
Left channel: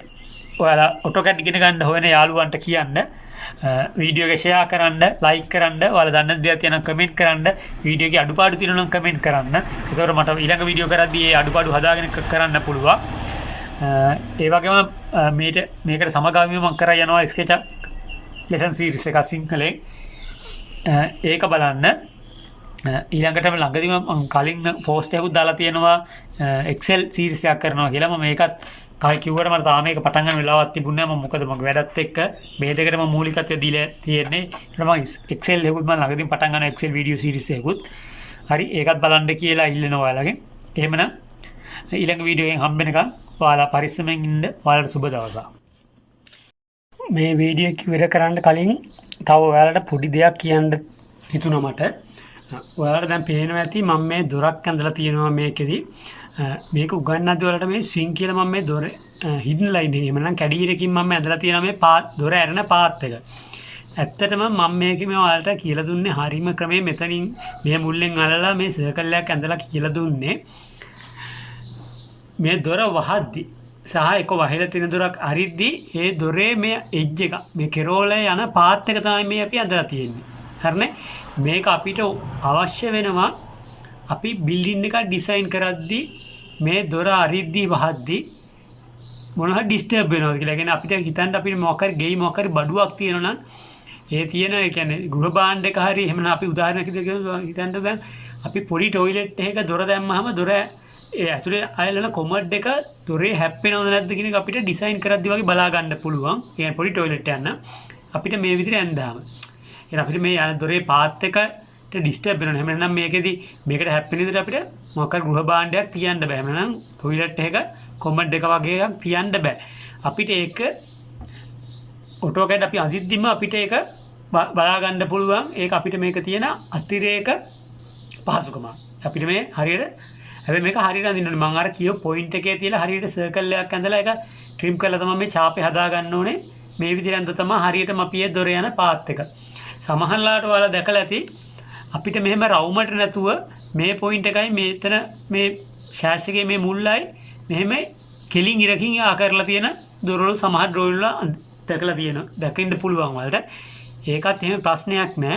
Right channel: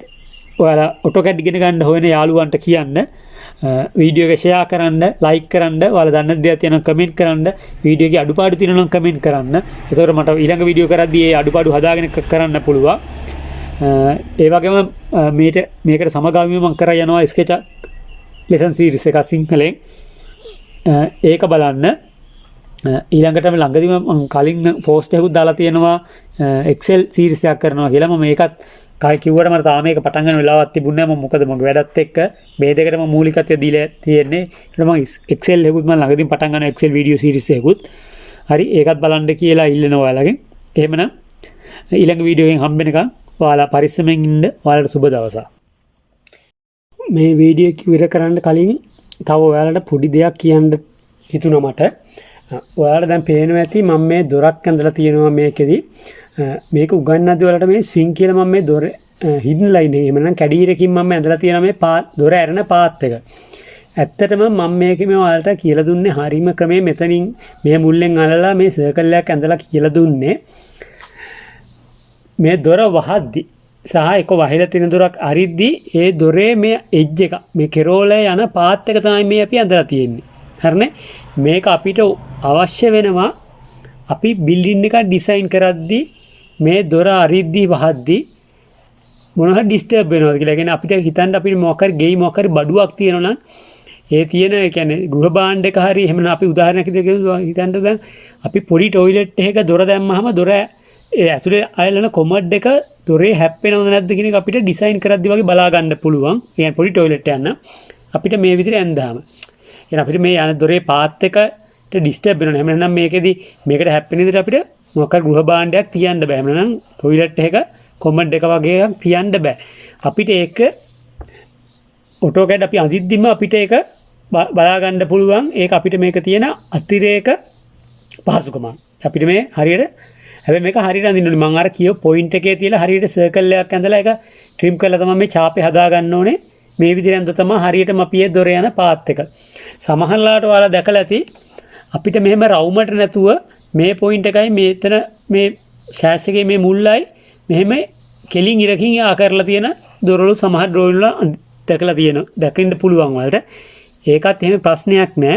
ඔයාලා AutoCAD ඉගෙන ගන්න හොයන යාළුවන්ට කියන්න වීඩියෝ එක ෂෙයා කරන්න, ලයික් කරන්න, ඔයාලා දන්න දේවල් තියෙනවා කමෙන්ට් කරන්න, වීඩියෝ එකේ අඩුපාඩු තියෙනවා නම් කමෙන්ට් කරන්න. ඒතකොට මට ඊළඟ වීඩියෝ කරද්දී ඒ අඩුපාඩු හදාගෙන කරන්න පුළුවන්. ඒ වගේම මේකට සමගාමීව මම කරා යනවා SketchUp lesson series එක සිංහලෙන්. ඒක බලන්න. ඊළඟටම ළඟදීම මම කලින් post එකකුත් දාලා තියෙනවා Excel series එකක් කරනවා කියලා. මම මේකත් කිව්වට මට තාම මේක පටන් ගන්න වෙලාවක් තිබුණේ නැහැ. මම මොකද මගේ වැඩත් එක්ක මේ දෙකට මම මූලිකත්වය දීලා තියෙන්නේ. ඊට මම Excel එකකුත් මම ළඟදීම පටන් ගන්නවා Excel video series එකකුත්. හරි ඒකත් බලන්න කියලා ඉල්ලනවා ඔයාලගෙන්. එහෙමනම් ඊළඟ වීඩියෝ එකෙන් හම්බෙනකම් ඔයාලා පරිස්සමෙන් ඉන්න. ඔයාලට සුබ දවසක්. මේ වීඩියෝ එක ඉවර කරන්න කලින් තව ඔයාලට පොඩි දෙයක් කියන්න හිතුණා මට. ඔයාලට දැන් පේනවා ඇති මම මේ දොරක් ඇඳලා තියෙනවා මේකෙදි. මේක උගන්වද්දී ඔයාලට මේ ස්විං කියලා මම මේ දොර හිඩන් ලයින් එක එහෙම නැත්නම් කැඩීරකින් මම ඇඳලා තියෙනවා මේ දොර ඇරෙන පාත් එක. ඇත්තටම මම මේකේ මේ ඔයාලට කියලා දුන්නේ හරීම ක්‍රමයේ මෙතනින් මේ මුල්ලෙන් අල්ලලා මේ සර්කල් එකක් ඇඳලා කියලා දුන්නේ. මේ දොර වහද්දි සහ එක වහිලා තියෙන දොරක් අරිද්දි ඒ දොරේ මේ එජ් එක මේ කෙරෝලේ යන පාත් එක තමයි මේ අපි ඇඳලා තියෙන්නේ. හරිනේ? මේක අපිට අවශ්‍ය වෙනවා අපි බිල්ඩින් එක ඩිසයින් කරද්දී මේ දොර අරිද්දි වහද්දි මොනවා ඩිස්ටර්බ් වෙනවද කියලා. කියන්නේ අපිට හිතන්න අපිට මොකක් හරි ගෙයි මොකක් හරි බඩුවක් තියෙනවා නම් ඒ තියෙන ඒ කියන්නේ ගෘහ භාණ්ඩ එක හරි එහෙම අපි උදාහරණයක් විදිහට හිතන්න දැන් අපි පොඩි টয়ලට් එකක දොර දැම්මහම දොර ඒ ඇතුලේ අයලන කොමඩ් එක දොරේ හැප්පෙනවද නැද්ද කියන එක අපිට ඩිසයින් කරද්දි වගේ බලා ගන්න පුළුවන්. කියන්නේ පොඩි টয়ලට් යන්න අපිට මේ විදිහට ඇඳාම. එහෙනම් අපිට මේ යන දොරේ පාත් එකට ඩිස්ටර්බ් වෙනවා. එහෙම නැත්නම් මේකෙදි මේකට හැප්පෙන විදිහට අපිට මොකක් ගෘහ භාණ්ඩයක් තියන්න බෑ. එහෙම නැත්නම් টয়ලට් එකක කොමඩ් එක වගේ එකක් තියන්න බෑ. අපිට ඒක AutoCAD අපි අඳිද්දිම අපිට ඒක බලා ගන්න පුළුවන්. ඒක අපිට මේක තියෙන අතිරේක පහසුකම. අපිට මේ හරියට හැබැයි මේක හරියට අඳින්න ඕනේ. මම අර කියව පොයින්ට් එකේ තියලා හරියට සර්කල් එකක් ඇඳලා ඒක ට්‍රිම් කරලා තමයි මේ ඡාපේ හදා ගන්න ඕනේ. මේ විදිහට ඇඳ තමයි හරියටම අපි ඒ දොර යන පාත් එක. සමහරලාට ඔයාලා දැකලා ඇති අපිට මෙහෙම රවුමට නැතුව මේ පොයින්ට් එකයි මෙතන මේ ෂෑෂ් එකේ මේ මුල්ලයි මෙහෙම කෙලින් ඉරකින් යා කරලා තියෙන දොරවල සමහර ඩ්‍රෝයින් වල දැකලා තියෙනවා. දකින්න පුළුවන් වලට. ඒකත් එහෙම ප්‍රශ්නයක් නෑ.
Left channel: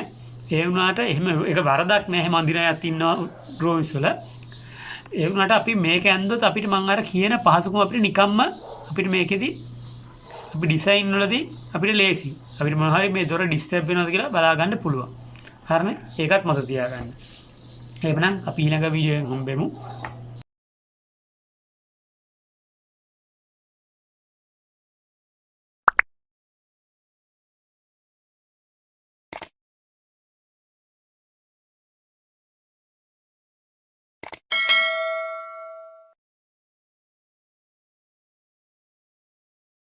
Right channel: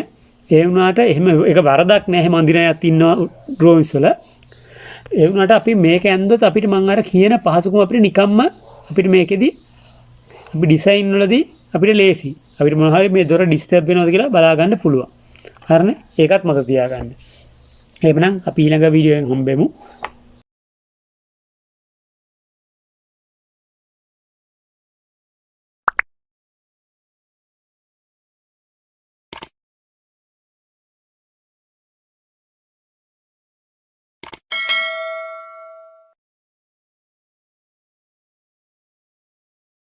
ඒ වුණාට එහෙම ඒක වරදක් නෑ. එහෙම අඳින අයත් ඉන්නවා ඩ්‍රෝයින්ස් වල. ඒ වුණාට අපි මේක ඇන්දොත් අපිට මම අර කියන පහසුකම අපිට නිකම්ම අපිට මේකෙදි අපි ඩිසයින් වලදී අපිට ලේසි. අපිට මොනවා හරි මේ දොර ඩිස්ටර්බ් වෙනවද කියලා බලා ගන්න පුළුවන්. හරිනේ? ඒකත් මතක තියාගන්න. එහෙනම් අපි ඊළඟ වීඩියෝ එකෙන් හම්බෙමු.